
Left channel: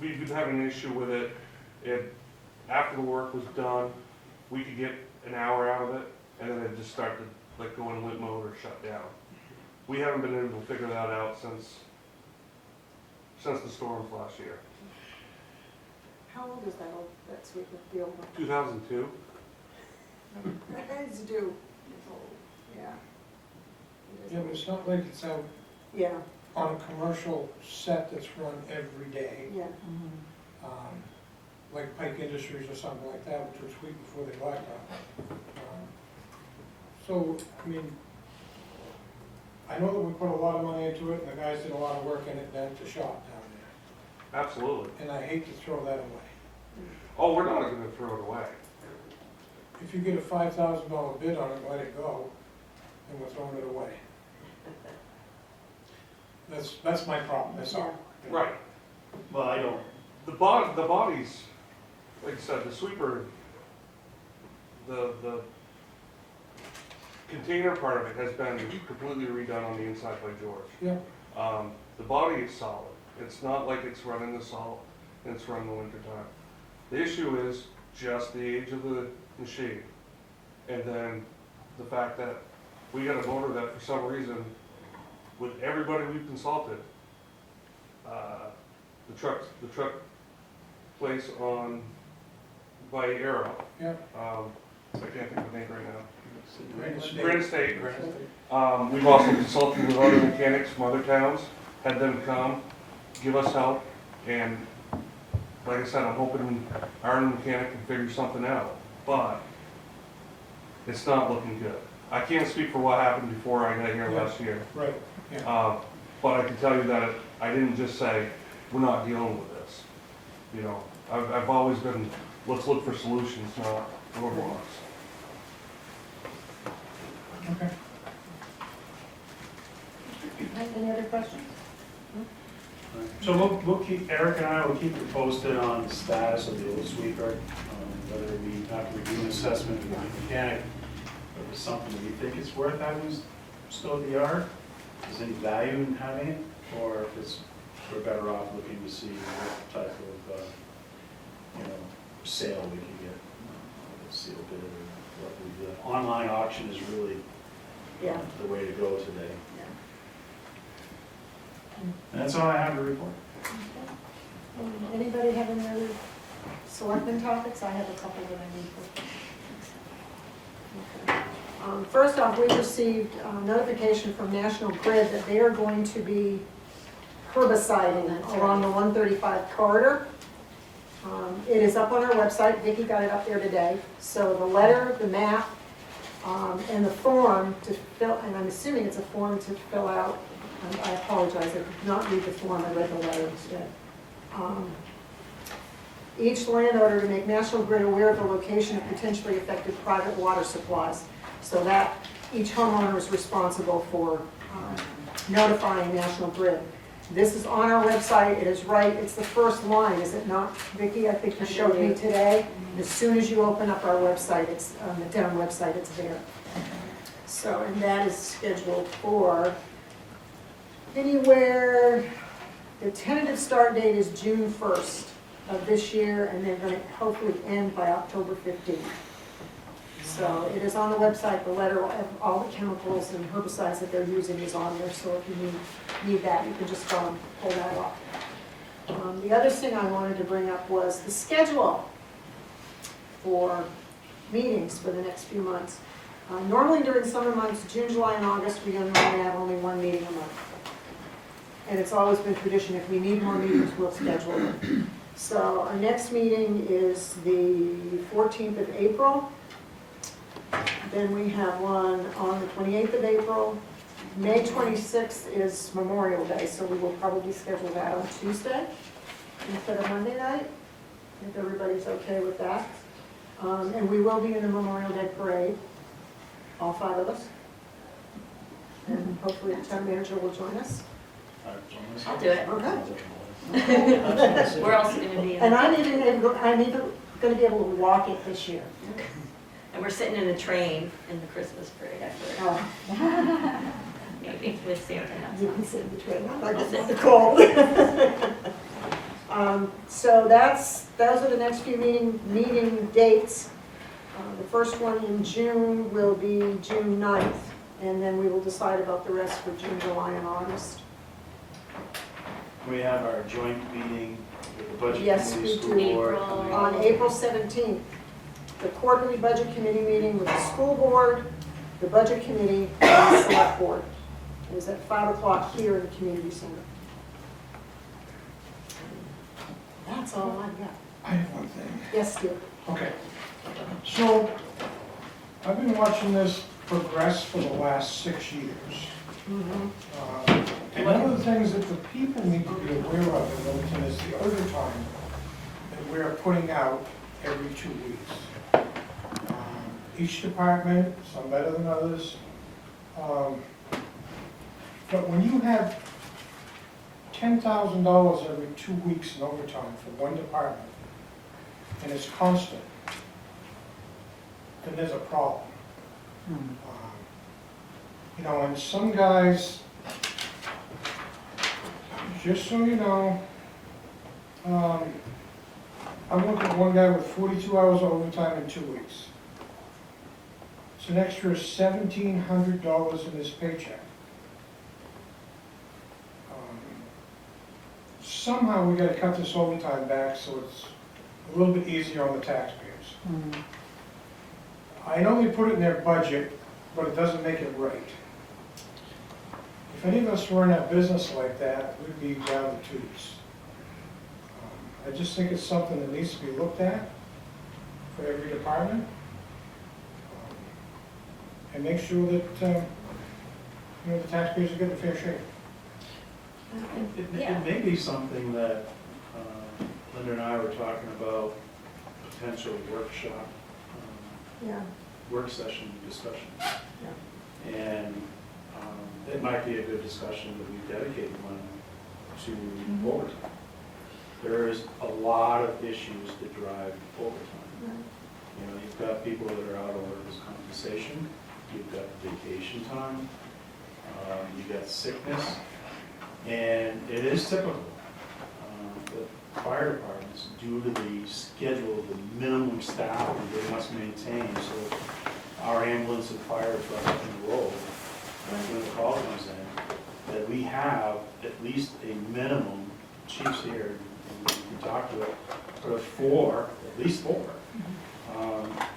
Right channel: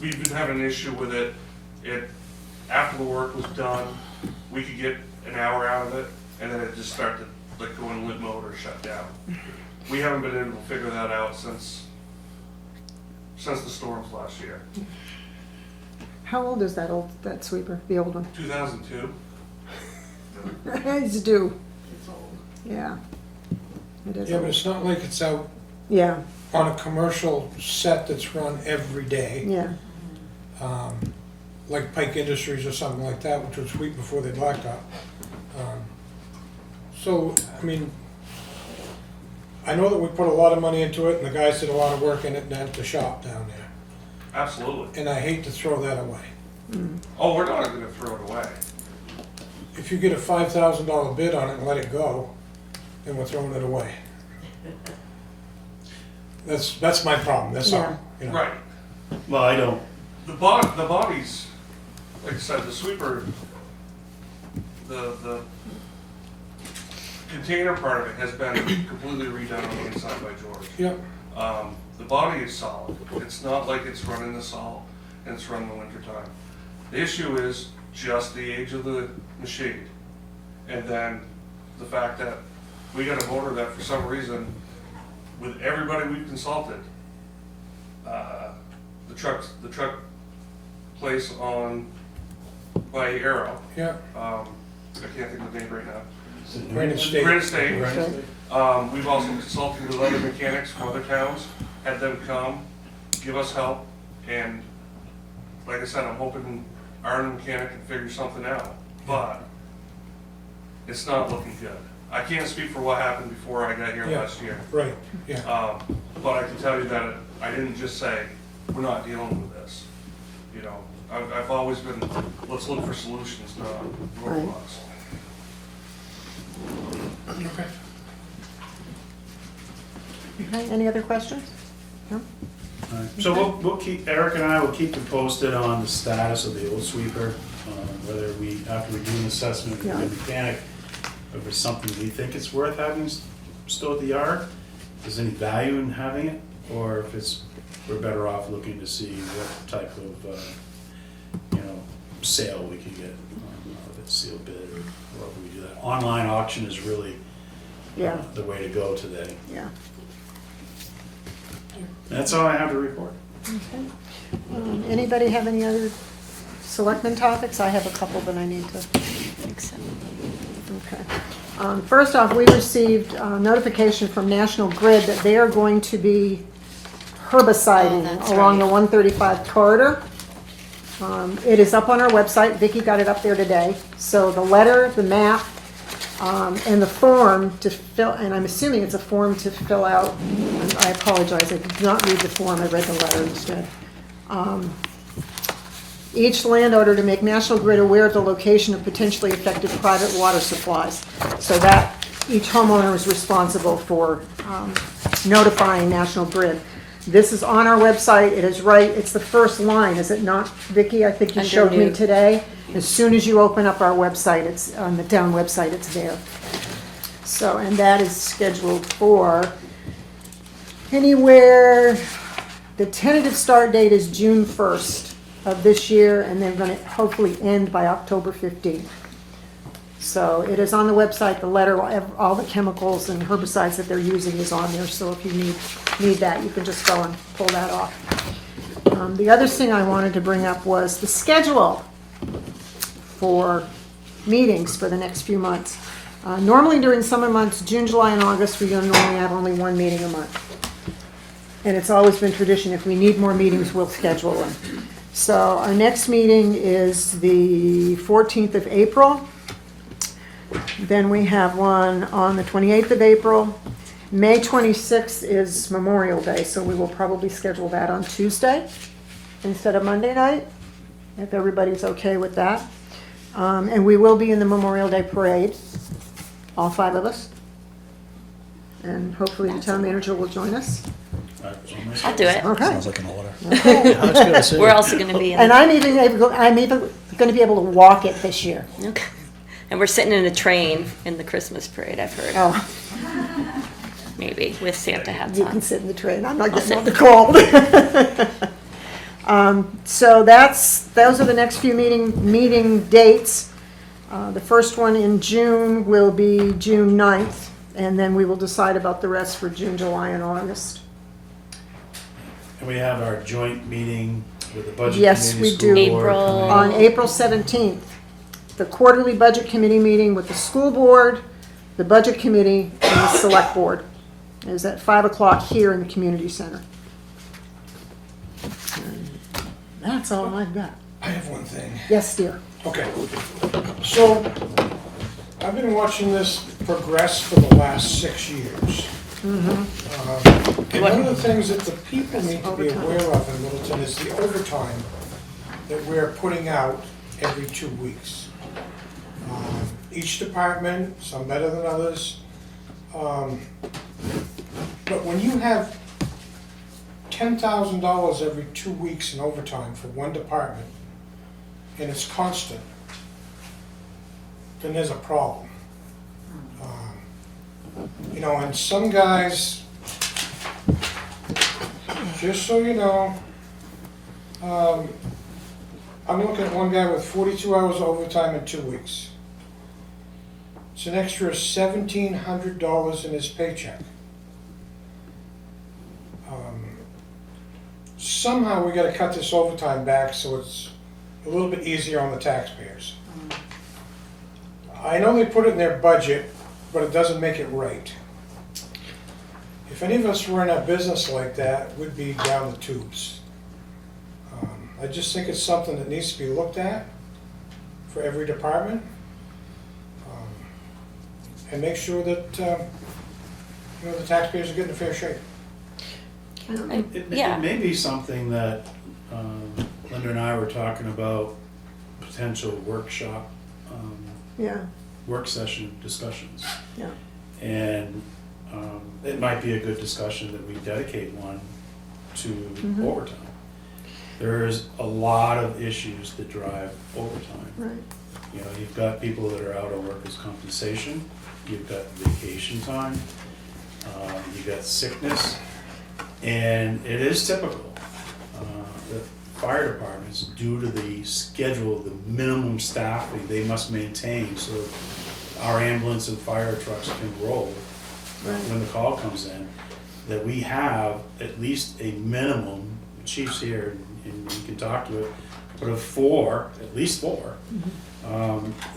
we've been having an issue with it. After the work was done, we could get an hour out of it, and then it just started to like go in limp mode or shut down. We haven't been able to figure that out since the storms last year. How old is that sweeper, the old one? 2002. It's due. Yeah. It is Yeah, but old. it's not like it's out Yeah, on a commercial set that's run every day, yeah, like Pike Industries or something like that, which was sweep before they blacktop. So, I mean, I know that we put a lot of money into it, and the guys did a lot of work in it at the shop down there, Absolutely. and I hate to throw that away. Oh, we're not going to throw it away. If you get a $5,000 bid on it and let it go, then we're throwing it away. That's my problem, that's all, you know. Right. Well, I don't, The bodies, like I said, the sweeper, the container part of it has been completely redone on the inside by George. Yep, The body is solid. It's not like it's run in the salt and it's run in the winter time. The issue is just the age of the machine. And then the fact that we got a motor that for some reason, with everybody we've consulted, the truck place on by Arrow, yep, I can't think of the name right now. Granite State. Granite State. We've also consulted with other mechanics from other towns, had them come, give us help, and like I said, I'm hoping our new mechanic can figure something out, but it's not looking good. I can't speak for what happened before I got here Yeah. last year, right, yeah. but I can tell you that I didn't just say, we're not dealing with this. You know, I've always been, let's look for solutions, not roadblocks. Okay. Okay, any other questions? No? so we'll keep, Eric and I will keep you posted on the status of the old sweeper, whether we, after we do an assessment with Yeah. the mechanic, if it's something that you think it's worth having still at the yard, if there's any value in having it, or if it's, we're better off looking to see what type of, sale we can get, a sealed bid, or what we do that. Online auction is really Yeah, the way to go today. yeah. That's all I have to report. Anybody have any other selectmen topics? I have a couple that I need to. Okay. First off, we received notification from National Grid that they are going to be herbiciding that's along the right. 135 corridor. It is up on our website. Vicki got it up there today. So the letter, the map, and the form to fill, and I'm assuming it's a form to fill out. And I apologize, I did not read the form, I read the letter instead. Each landowner to make National Grid aware of the location of potentially affected private water supplies. So that each homeowner is responsible for notifying National Grid. This is on our website, it is right, it's the first line, is it not, Vicki? I think you showed me Underneath. today. As soon as you open up our website, it's on the town website, it's there. So, and that is scheduled for anywhere, the tentative start date is June 1st of this year, and they're gonna hopefully end by October 15th. So it is on the website, the letter, all the chemicals and herbicides that they're using is on there, so if you need that, you can just go and pull that off. The other thing I wanted to bring up was the schedule for meetings for the next few months. Normally during summer months, June, July, and August, we normally have only one meeting a month. And it's always been tradition, if we need more meetings, we'll schedule them. So our next meeting is the 14th of April. Then we have one on the 28th of April. May 26th is Memorial Day, so we will probably schedule that on Tuesday instead of Monday night, if everybody's okay with that. And we will be in the Memorial Day Parade, all 5 of us. And hopefully the town manager will join us. I'll do it. Okay. Sounds like an order. Yeah, I was gonna say. We're also gonna be in. And I'm even going to be able to walk it this year. Okay. And we're sitting in a train in the Christmas parade, I've heard. Oh, Maybe, with Santa hats you can on. sit in the train. I'm not I'll getting on sit. the call. So those are the next few meeting dates. The first one in June will be June 9th, and then we will decide about the rest for June, July, and August. And we have our joint meeting with the budget Yes, committee, we school do. board April- committee. On April 17th, the quarterly budget committee meeting with the school board, the budget committee, and the select board is at 5 o'clock here in the community center. And that's all I've got. I have one thing. Yes, dear. Okay, so I've been watching this progress for the last 6 years. And one of the things that the people need to be aware of in Littleton is the overtime that we're putting out every 2 weeks. Each department, some better than others. But when you have $10,000 every 2 weeks in overtime for one department, and it's constant, then there's a problem. You know, and some guys, just so you know, I'm looking at one guy with 42 hours overtime in 2 weeks. It's an extra $1,700 in his paycheck. Somehow we gotta cut this overtime back so it's a little bit easier on the taxpayers. I know they put it in their budget, but it doesn't make it right. If any of us run a business like that, we'd be down the tubes. I just think it's something that needs to be looked at for every department. And make sure that, you know, the taxpayers are getting a fair shake. It Yeah. may be something that Linda and I were talking about, potential workshop, Yeah, work session discussions. yeah. And it might be a good discussion that we dedicate one to overtime. There's a lot of issues that drive overtime. Right. You know, you've got people that are out of workers' compensation, you've got vacation time, you've got sickness, and it is typical. The fire departments, due to the schedule, the minimum staffing they must maintain, so our ambulance and fire trucks can roll when the call comes in, that we have at least a minimum, chief's here, and you can talk to it, but of 4, at least 4,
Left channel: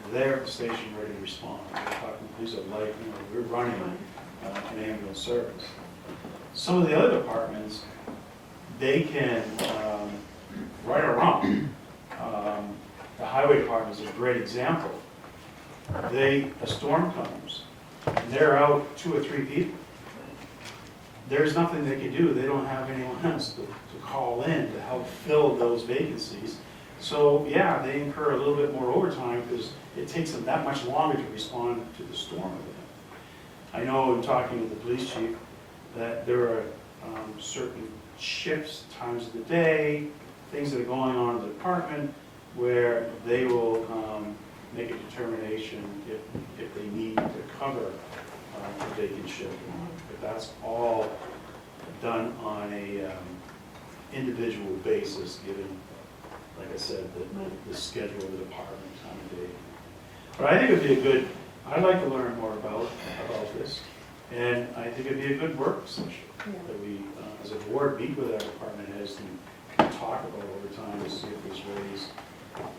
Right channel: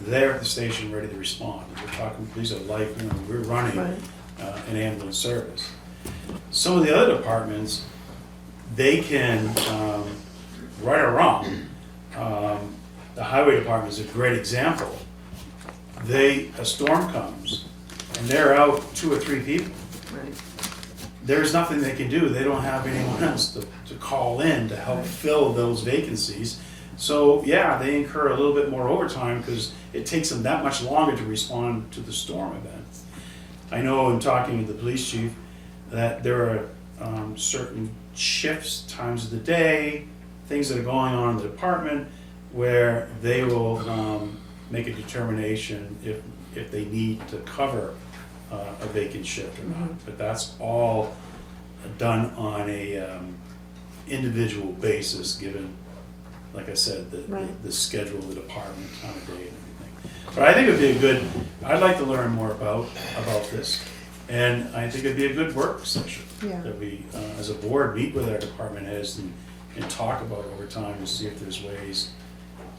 there at the station ready to respond. We're talking, these are like, you know, we're running an ambulance service. Some of the other departments, they can, right or wrong, the highway department is a great example. A storm comes, and they're out 2 or 3 people. There's nothing they can do. They don't have anyone else to call in to help fill those vacancies. So, yeah, they incur a little bit more overtime because it takes them that much longer to respond to the storm event. I know in talking with the police chief that there are certain shifts, times of the day, things that are going on in the department where they will make a determination if they need to cover a vacant shift or not. But that's all done on a individual basis, given, like I said, the schedule of the department, time of day, and everything. But I think it'd be a good, I'd like to learn more about this. And I think it'd be a good work session. Yeah. That we, as a board, meet with our department heads and talk about overtime to see if there's ways,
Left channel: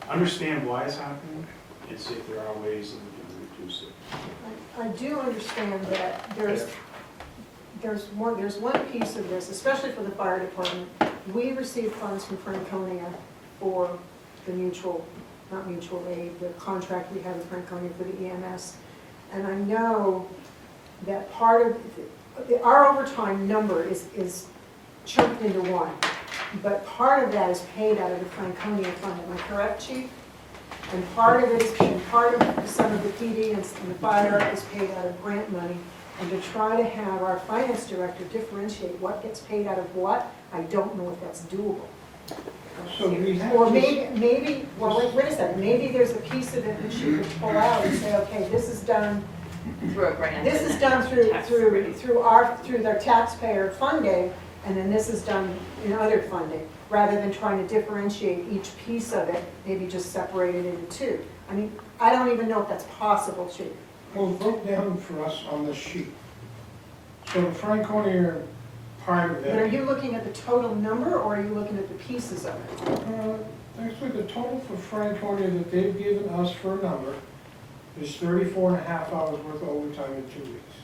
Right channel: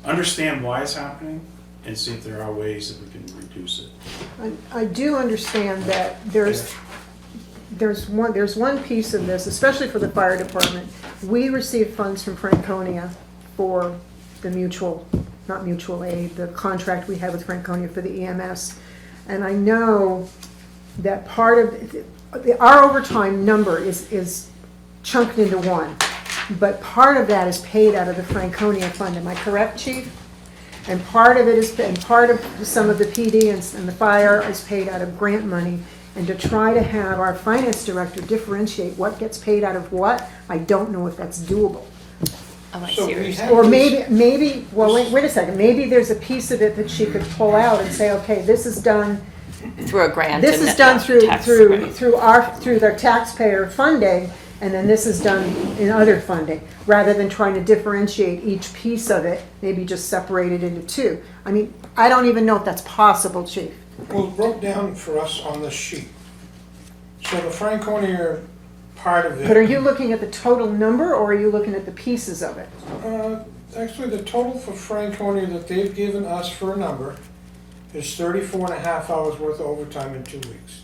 understand why it's happening, and see if there are ways that we can reduce it. I do understand that there's one piece of this, especially for the fire department. We receive funds from Franconia for the not mutual aid, the contract we have with Franconia for the EMS. And I know that part of, our overtime number is chunked into one, but part of that is paid out of the Franconia fund. Am I correct, Chief? And part of it is paid, part of some of the PD and the fire is paid out of grant money. And to try to have our finance director differentiate what gets paid out of what, I don't know if that's doable. Oh, I So see what we you're saying. have Or this- maybe, well, wait a second, maybe there's a piece of it that she could pull out and say, okay, this is done, Through a grant. this and is done through tax credit. through their taxpayer funding, and then this is done in other funding, rather than trying to differentiate each piece of it, maybe just separate it into two. I mean, I don't even know if that's possible, Chief. Well, it broke down for us on this sheet. So the Franconia part of it. But are you looking at the total number, or are you looking at the pieces of it? Actually, the total for Franconia that they've given us for a number is 34.5 hours worth of overtime in 2 weeks.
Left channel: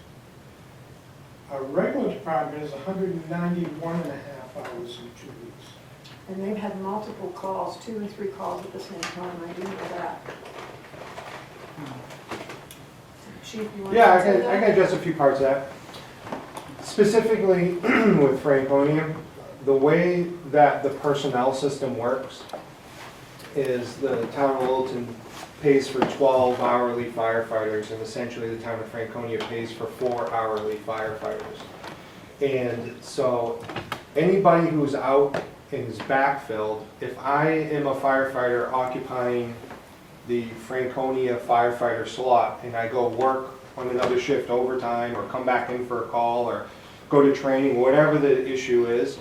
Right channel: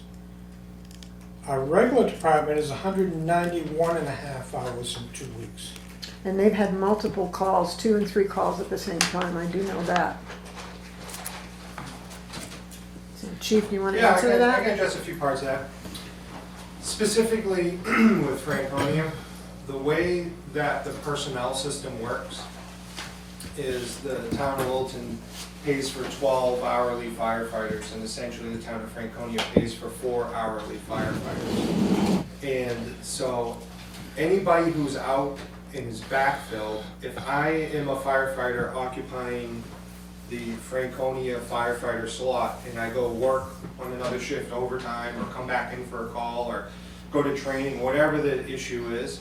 Our regular department is 191.5 hours in 2 weeks. And they've had multiple calls, 2 and 3 calls at the same time, I do know that. So, Chief, you want to Yeah, I answer can that? address a few parts of that. Specifically with Franconia, the way that the personnel system works is the town of Littleton pays for 12 hourly firefighters, and essentially the town of Franconia pays for 4 hourly firefighters. And so anybody who's out and is backfilled, if I am a firefighter occupying the Franconia firefighter slot and I go work on another shift overtime or come back in for a call or go to training, whatever the issue is,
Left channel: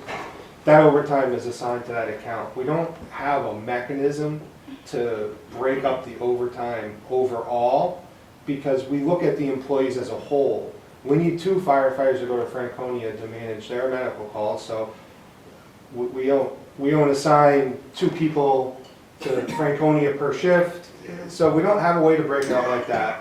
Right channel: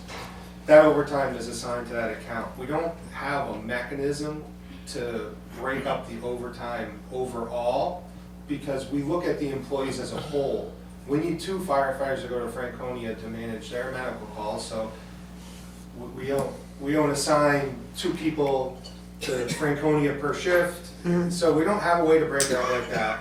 that overtime is assigned to that account. We don't have a mechanism to break up the overtime overall because we look at the employees as a whole. We need 2 firefighters to go to Franconia to manage their medical calls, so we don't assign 2 people to Franconia per shift, so we don't have a way to break it out like that.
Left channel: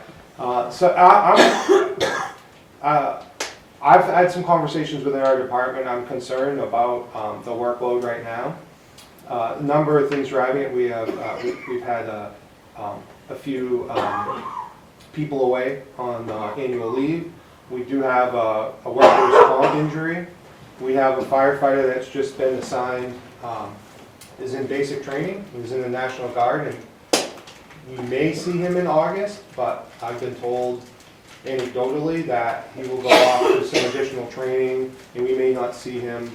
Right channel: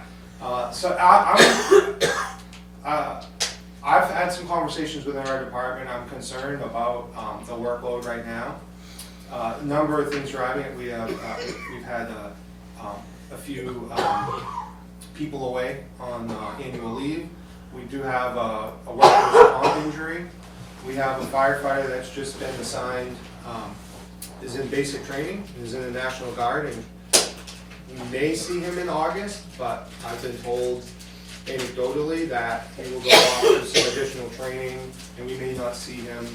I've had some conversations within our department. I'm concerned about the workload right now. A number of things driving it. We've had a few people away on annual leave. We do have a workers' comp injury. We have a firefighter that's just been assigned, is in basic training, is in the National Guard, and we may see him in August, but I've been told anecdotally that he will go off for some additional training, and we may not see him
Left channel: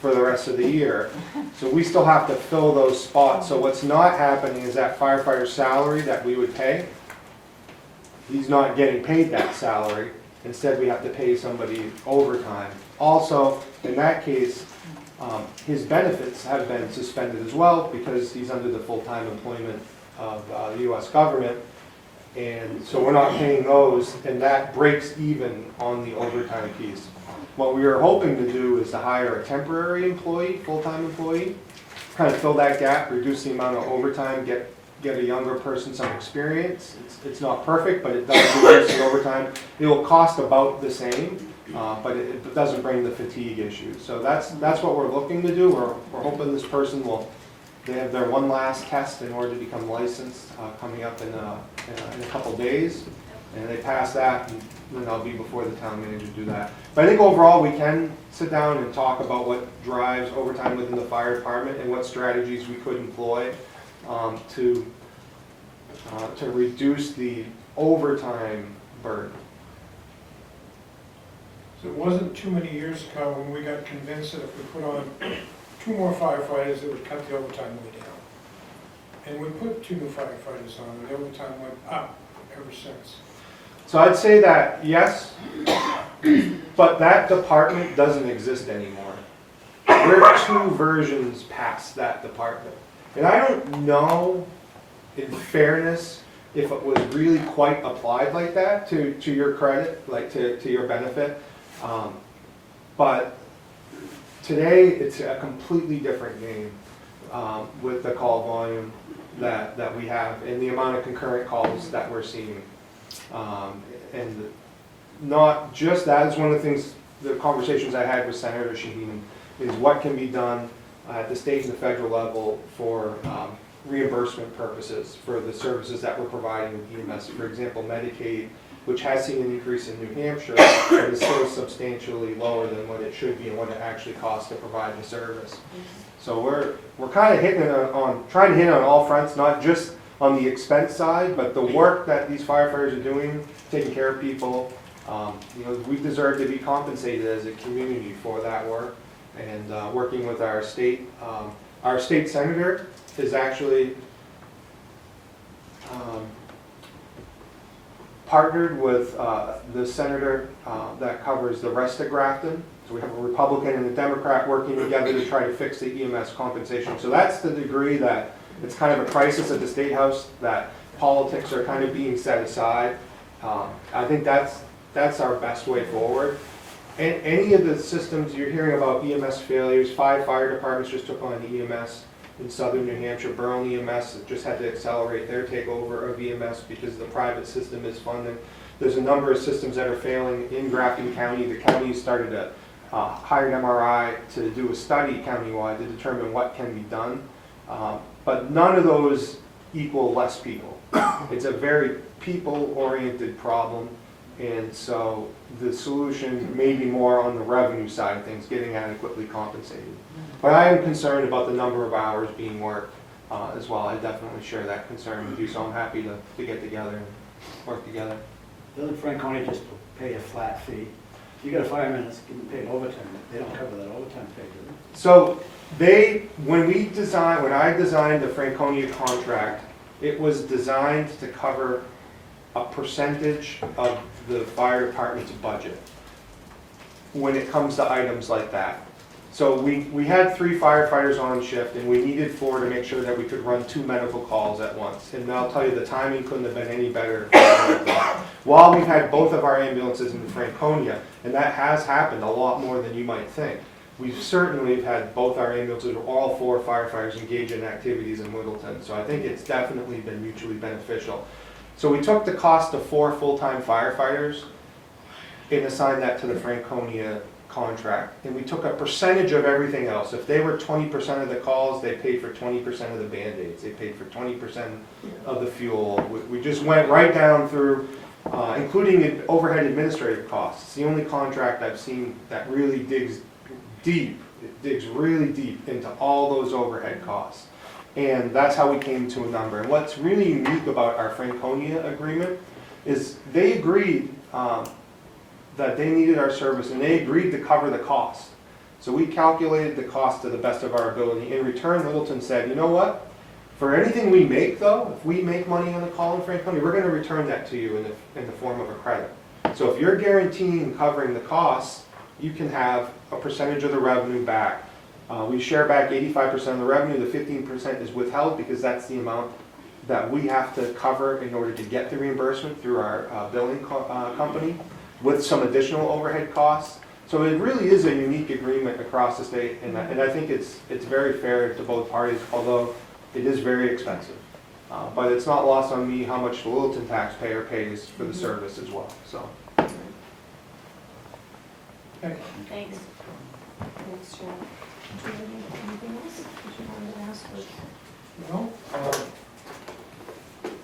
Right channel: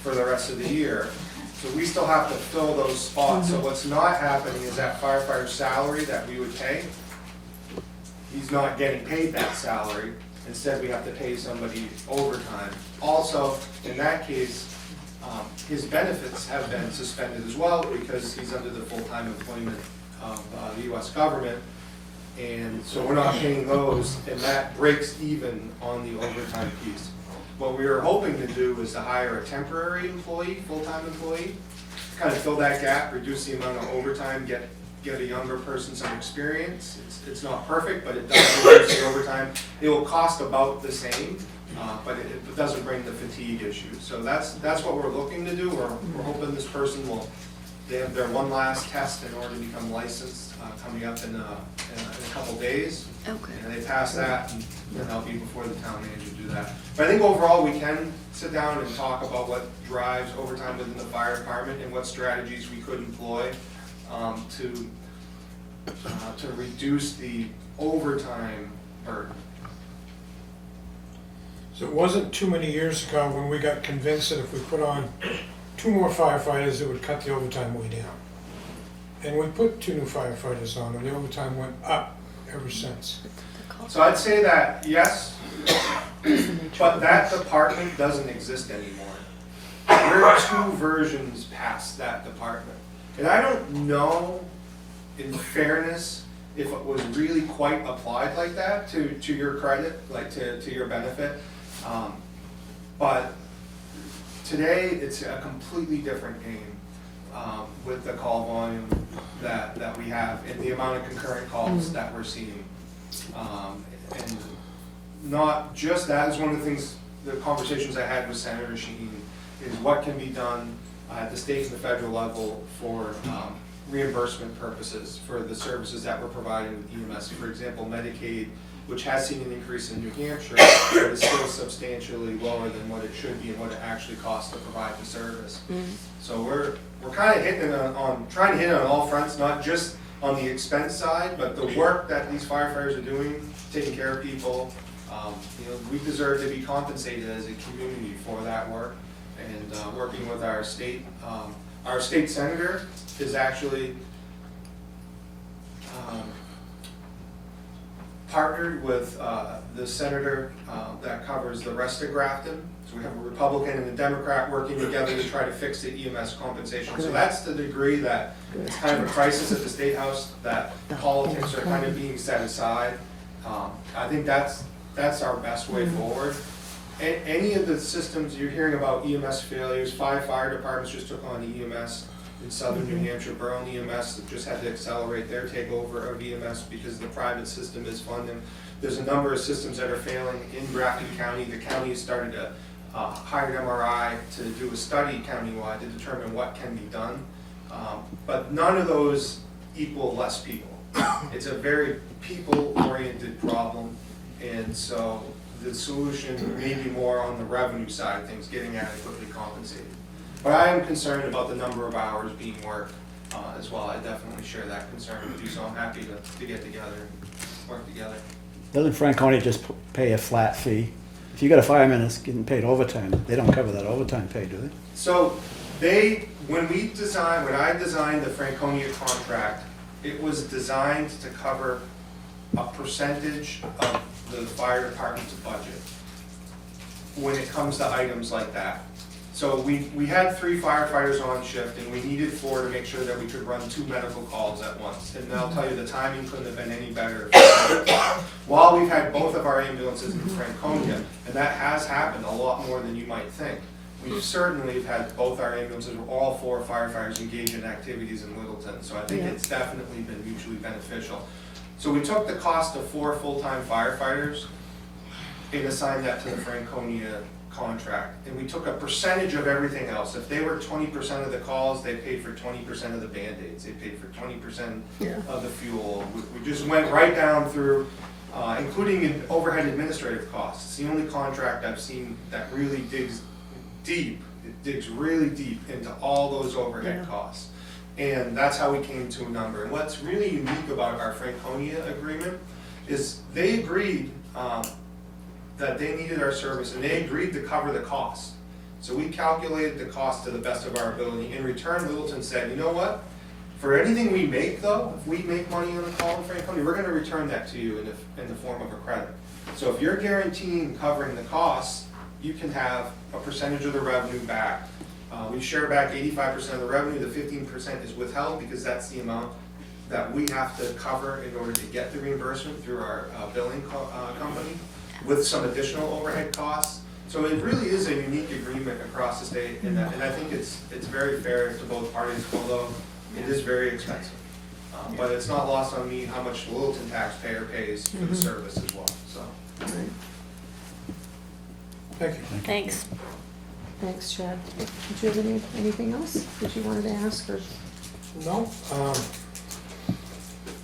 for the rest of the year. So we still have to fill those spots. So what's not happening is that firefighter's salary that we would pay, he's not getting paid that salary. Instead, we have to pay somebody overtime. Also, in that case, his benefits have been suspended as well because he's under the full-time employment of the U.S. government. And so we're not paying those, and that breaks even on the overtime piece. What we are hoping to do is to hire a temporary employee, full-time employee, kind of fill that gap, reduce the amount of overtime, get a younger person some experience. It's not perfect, but it does reduce the overtime. It will cost about the same, but it doesn't bring the fatigue issue. So that's what we're looking to do. We're hoping this person will, they have their one last test in order to become licensed coming up in a couple days. Okay. And they pass that, and then I'll be before the town manager to do that. But I think overall, we can sit down and talk about what drives overtime within the fire department and what strategies we could employ to reduce the overtime burden. So it wasn't too many years ago when we got convinced that if we put on 2 more firefighters, it would cut the overtime way down. And we put 2 new firefighters on, and the overtime went up ever since. So I'd say that yes, but that department doesn't exist anymore. We're 2 versions past that department. And I don't know, in fairness, if it was really quite applied like that to your credit, like to your benefit. But today, it's a completely different game with the call volume that we have and the amount of concurrent calls that we're seeing. And not just that, is one of the things, the conversations I had with Senator Shaheen, is what can be done at the state and the federal level for reimbursement purposes for the services that we're providing with EMS. For example, Medicaid, which has seen an increase in New Hampshire, but is still substantially lower than what it should be and what it actually costs to provide the service. So we're kind of hitting it on trying to hit on all fronts, not just on the expense side, but the work that these firefighters are doing, taking care of people, you know, we deserve to be compensated as a community for that work. And working with our state senator is actually partnered with the senator that covers the rest of Grafton. So we have a Republican and a Democrat working together to try to fix the EMS compensation. So that's the degree that it's kind of a crisis at the State House, that politics are kind of being set aside. I think that's our best way forward. Any of the systems you're hearing about EMS failures, 5 fire departments just took on EMS in southern New Hampshire. Borough EMS just had to accelerate their takeover of EMS because the private system is funded. There's a number of systems that are failing in Grafton County. The county has started to hire an MRI to do a study countywide to determine what can be done. But none of those equal less people. It's a very people-oriented problem, and so the solution may be more on the revenue side of things, getting adequately compensated. But I am concerned about the number of hours being worked as well. I definitely share that concern with you, so I'm happy to get together and work together. Doesn't Franconia just pay a flat fee? If you got a fireman that's getting paid overtime, they don't cover that overtime pay, do they? So when I designed the Franconia contract, it was designed to cover a percentage of the fire department's budget when it comes to items like that. So we had 3 firefighters on shift, and we needed 4 to make sure that we could run 2 medical calls at once. And I'll tell you, the timing couldn't have been any better. While we've had both of our ambulances in Franconia, and that has happened a lot more than you might think, we've certainly had both our ambulances, all 4 firefighters engage in activities in Littleton. So I think it's definitely been mutually beneficial. So we took the cost of 4 full-time firefighters and assigned that to the Franconia contract. And we took a percentage of everything else. If they were 20% of the calls, they paid for 20% of the Band-Aids. They paid for 20% of the fuel. We just went right down through, including overhead administrative costs. It's the only contract I've seen that really digs deep. It digs really deep into all those overhead costs. And that's how we came to a number. And what's really unique about our Franconia agreement is they agreed that they needed our service, and they agreed to cover the cost. So we calculated the cost to the best of our ability. In return, Littleton said, you know what? For anything we make, though, if we make money on a call in Franconia, we're going to return that to you in the form of a credit. So if you're guaranteeing covering the costs, you can have a percentage of the revenue back. We share back 85% of the revenue. The 15% is withheld because that's the amount that we have to cover in order to get the reimbursement through our billing company, with some additional overhead costs. So it really is a unique agreement across the state, and I think it's very fair to both parties, although it is very expensive. But it's not lost on me how much the Littleton taxpayer pays for the service as well. So. Thank you. Thanks. Thanks, Chad. Did you have anything else that you wanted to ask? Or? No,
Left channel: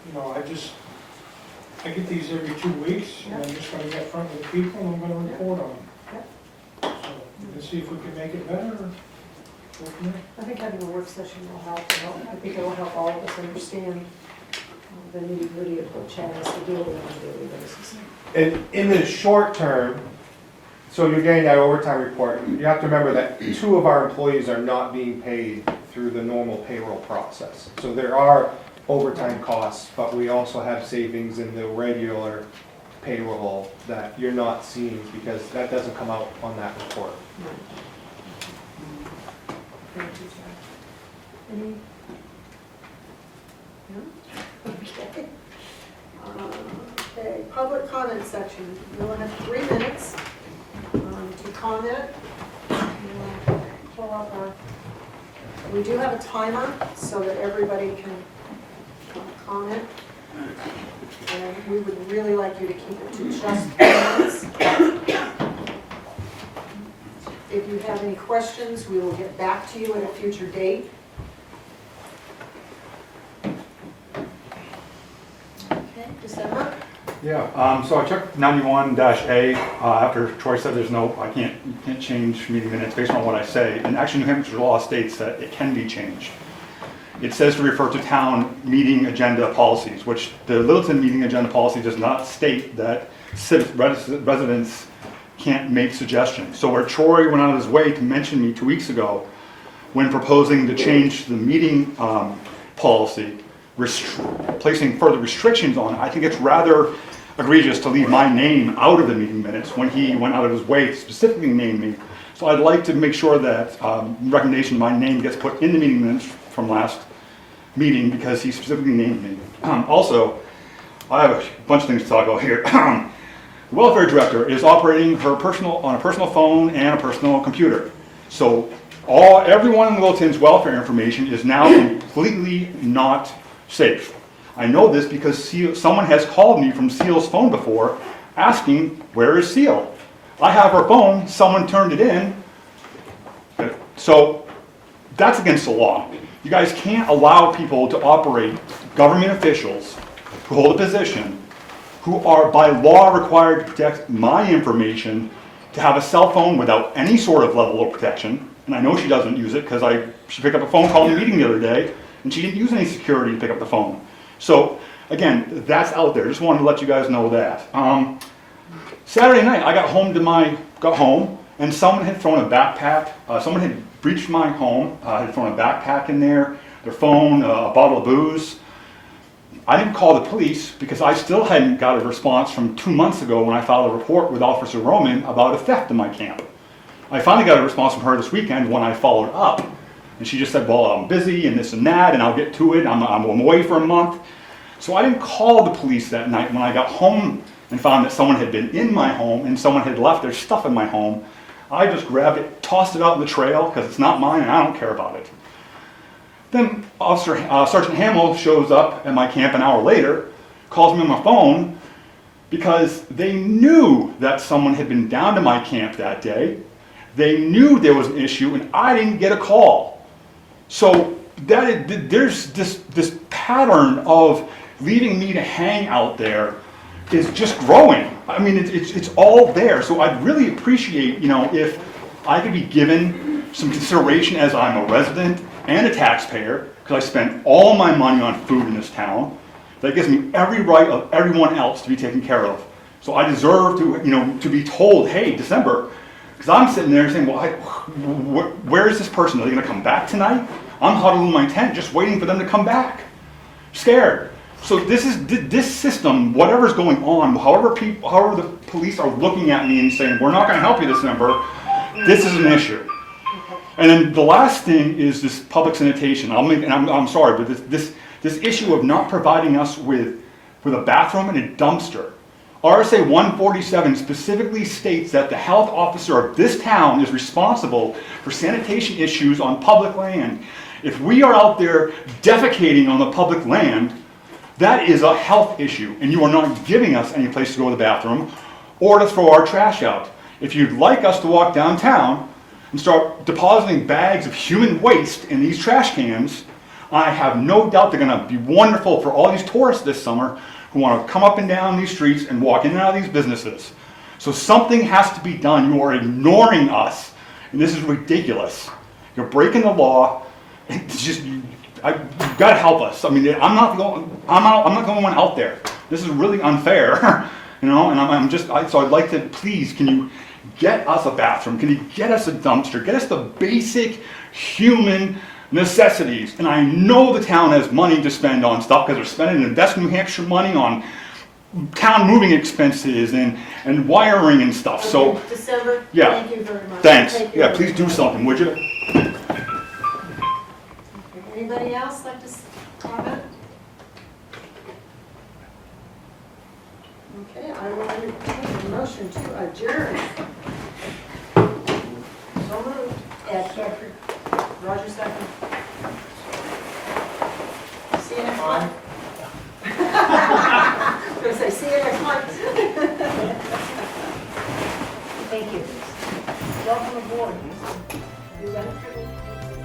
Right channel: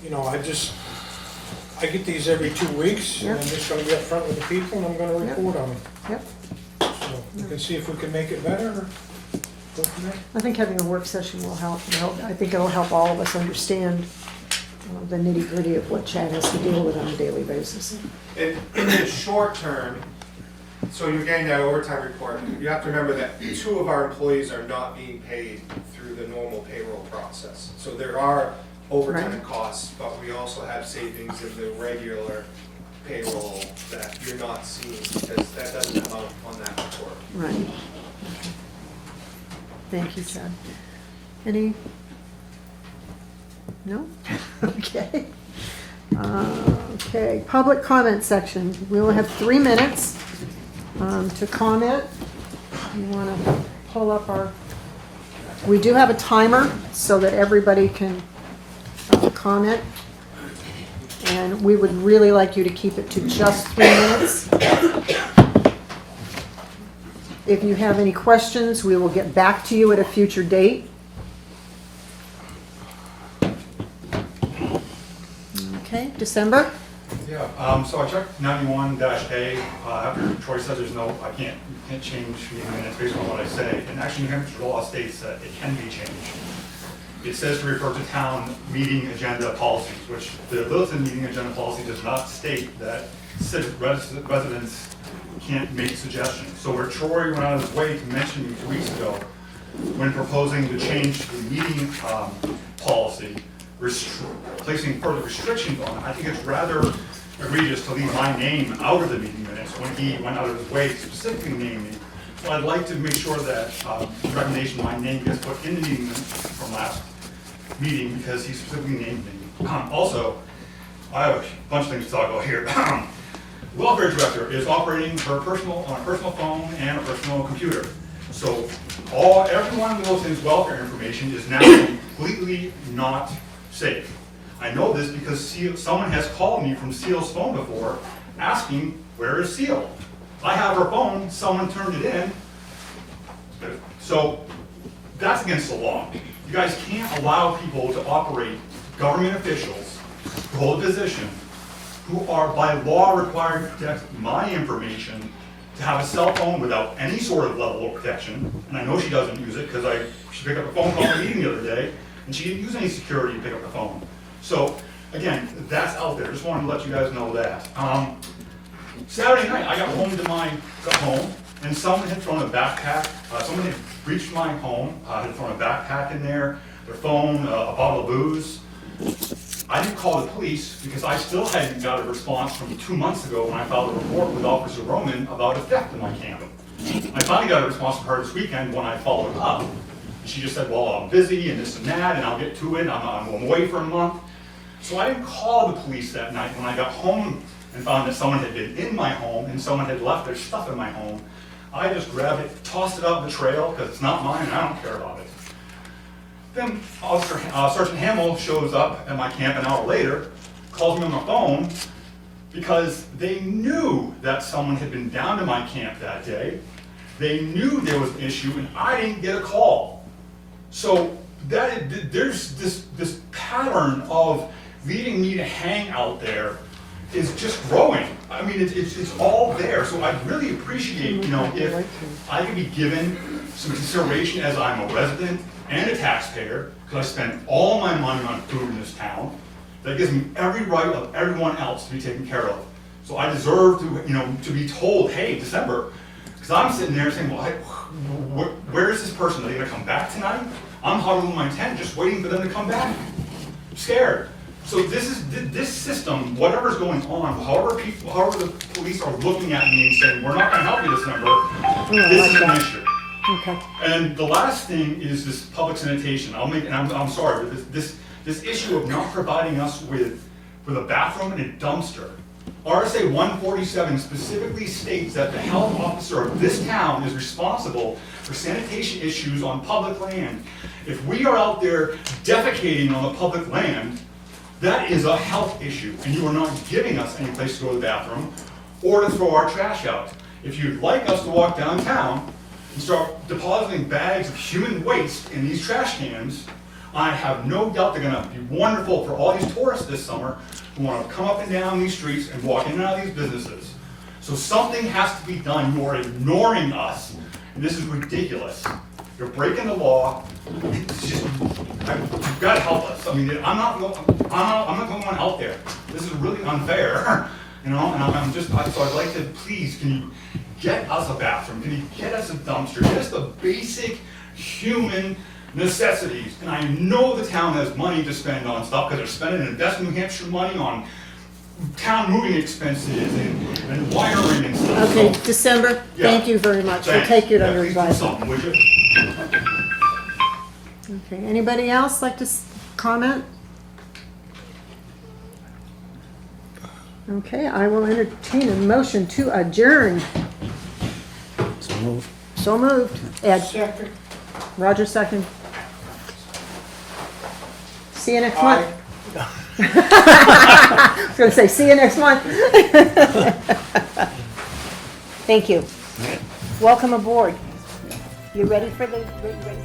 you know, I get these every 2 weeks, and I'm just gonna get front with the people, and I'm gonna report on them. Yep. So we can see if we can make it better, or go from there. I think having a work session will help. I think it'll help all of us understand the nitty-gritty of what Chad has to deal with on a daily basis. In the short term, so you're getting that overtime report, you have to remember that 2 of our employees are not being paid through the normal payroll process. So there are overtime costs, but we also have savings in the regular payroll that you're not seeing because that doesn't come out on that report. Right. Thank you, Chad. Any? No? Okay. Okay, public comment section. We will have 3 minutes to comment. You want to pull up our, we do have a timer so that everybody can comment. And we would really like you to keep it to just 3 minutes. If you have any questions, we will get back to you at a future date. Okay, December? Yeah, so I checked 91-A, after Troy said there's no, you can't change meeting minutes based on what I say. And actually New Hampshire law states that it can be changed. it says to refer to town meeting agenda policies, which the Littleton meeting agenda policy does not state that residents can't make suggestions. So where Troy went out of his way to mention me 2 weeks ago, when proposing to change the meeting policy, placing further restrictions on it, I think it's rather egregious to leave my name out of the meeting minutes when he went out of his way to specifically name me. So I'd like to make sure that the recommendation, my name gets put in the meeting minutes from last meeting because he specifically named me. Also, I have a bunch of things to talk about here. The welfare director is operating on a personal phone and a personal computer. So everyone in Littleton's welfare information is now completely not safe. I know this because someone has called me from Seal's phone before asking, where is Seal? I have her phone, someone turned it in. So that's against the law. You guys can't allow people to operate, government officials who hold a position, who are by law required to protect my information, to have a cell phone without any sort of level of protection. And I know she doesn't use it because she picked up a phone call in the meeting the other day and she didn't use any security to pick up the phone. So again, that's out there. Just wanted to let you guys know that. Saturday night, I got home and someone had thrown a backpack. Someone had breached my home, had thrown a backpack in there, their phone, a bottle of booze. I didn't call the police because I still hadn't got a response from 2 months ago when I filed a report with Officer Roman about a theft in my camp. I finally got a response from her this weekend when I followed up. And she just said, well, I'm busy and this and that, and I'll get to it. I'm away for a month. So I didn't call the police that night. When I got home and found that someone had been in my home and someone had left their stuff in my home, I just grabbed it, tossed it out in the trail because it's not mine and I don't care about it. Then Sergeant Hamill shows up at my camp an hour later, calls me on my phone because they knew that someone had been down to my camp that day. They knew there was an issue and I didn't get a call. So there's this pattern of leaving me to hang out there is just growing. I mean, it's all there. So I'd really appreciate, if I could be given some consideration as I'm a resident and a taxpayer, because I spend all my money on food in this town. That gives me every right of everyone else to be taken care of. So I deserve to be told, hey, December, because I'm sitting there saying, well, where is this person? Are they going to come back tonight? I'm huddled in my tent just waiting for them to come back. Scared. So this system, whatever's going on, however the police are looking at me and saying, we're not going to help you December, this is an issue. Okay. And then the last thing is this public sanitation. I'm sorry, but this issue of not providing us with a bathroom and a dumpster. RSA 147 specifically states that the health officer of this town is responsible for sanitation issues on public land. If we are out there defecating on the public land, that is a health issue, and you are not giving us any place to go to the bathroom or to throw our trash out. If you'd like us to walk downtown and start depositing bags of human waste in these trash cans, I have no doubt they're going to be wonderful for all these tourists this summer who want to come up and down these streets and walk in and out of these businesses. So something has to be done. You are ignoring us, and this is ridiculous. You're breaking the law. It's just, you've got to help us. I mean, I'm not the only one out there. This is really unfair, and so I'd like to, please, can you get us a bathroom? Can you get us a dumpster? Get us the basic human necessities. And I know the town has money to spend on stuff because they're spending Invest New Hampshire money on town moving expenses and wiring and stuff. Okay, So, December, yeah. thank you very much. thanks. We'll take your Yeah, please do advice. something, would you? Okay, anybody else like to comment? Okay, I will entertain a motion to adjourn. So move. So moved. Ed? Roger, second. See you next month. I was gonna say, see you next month. Thank you. Welcome aboard. You ready for the great break?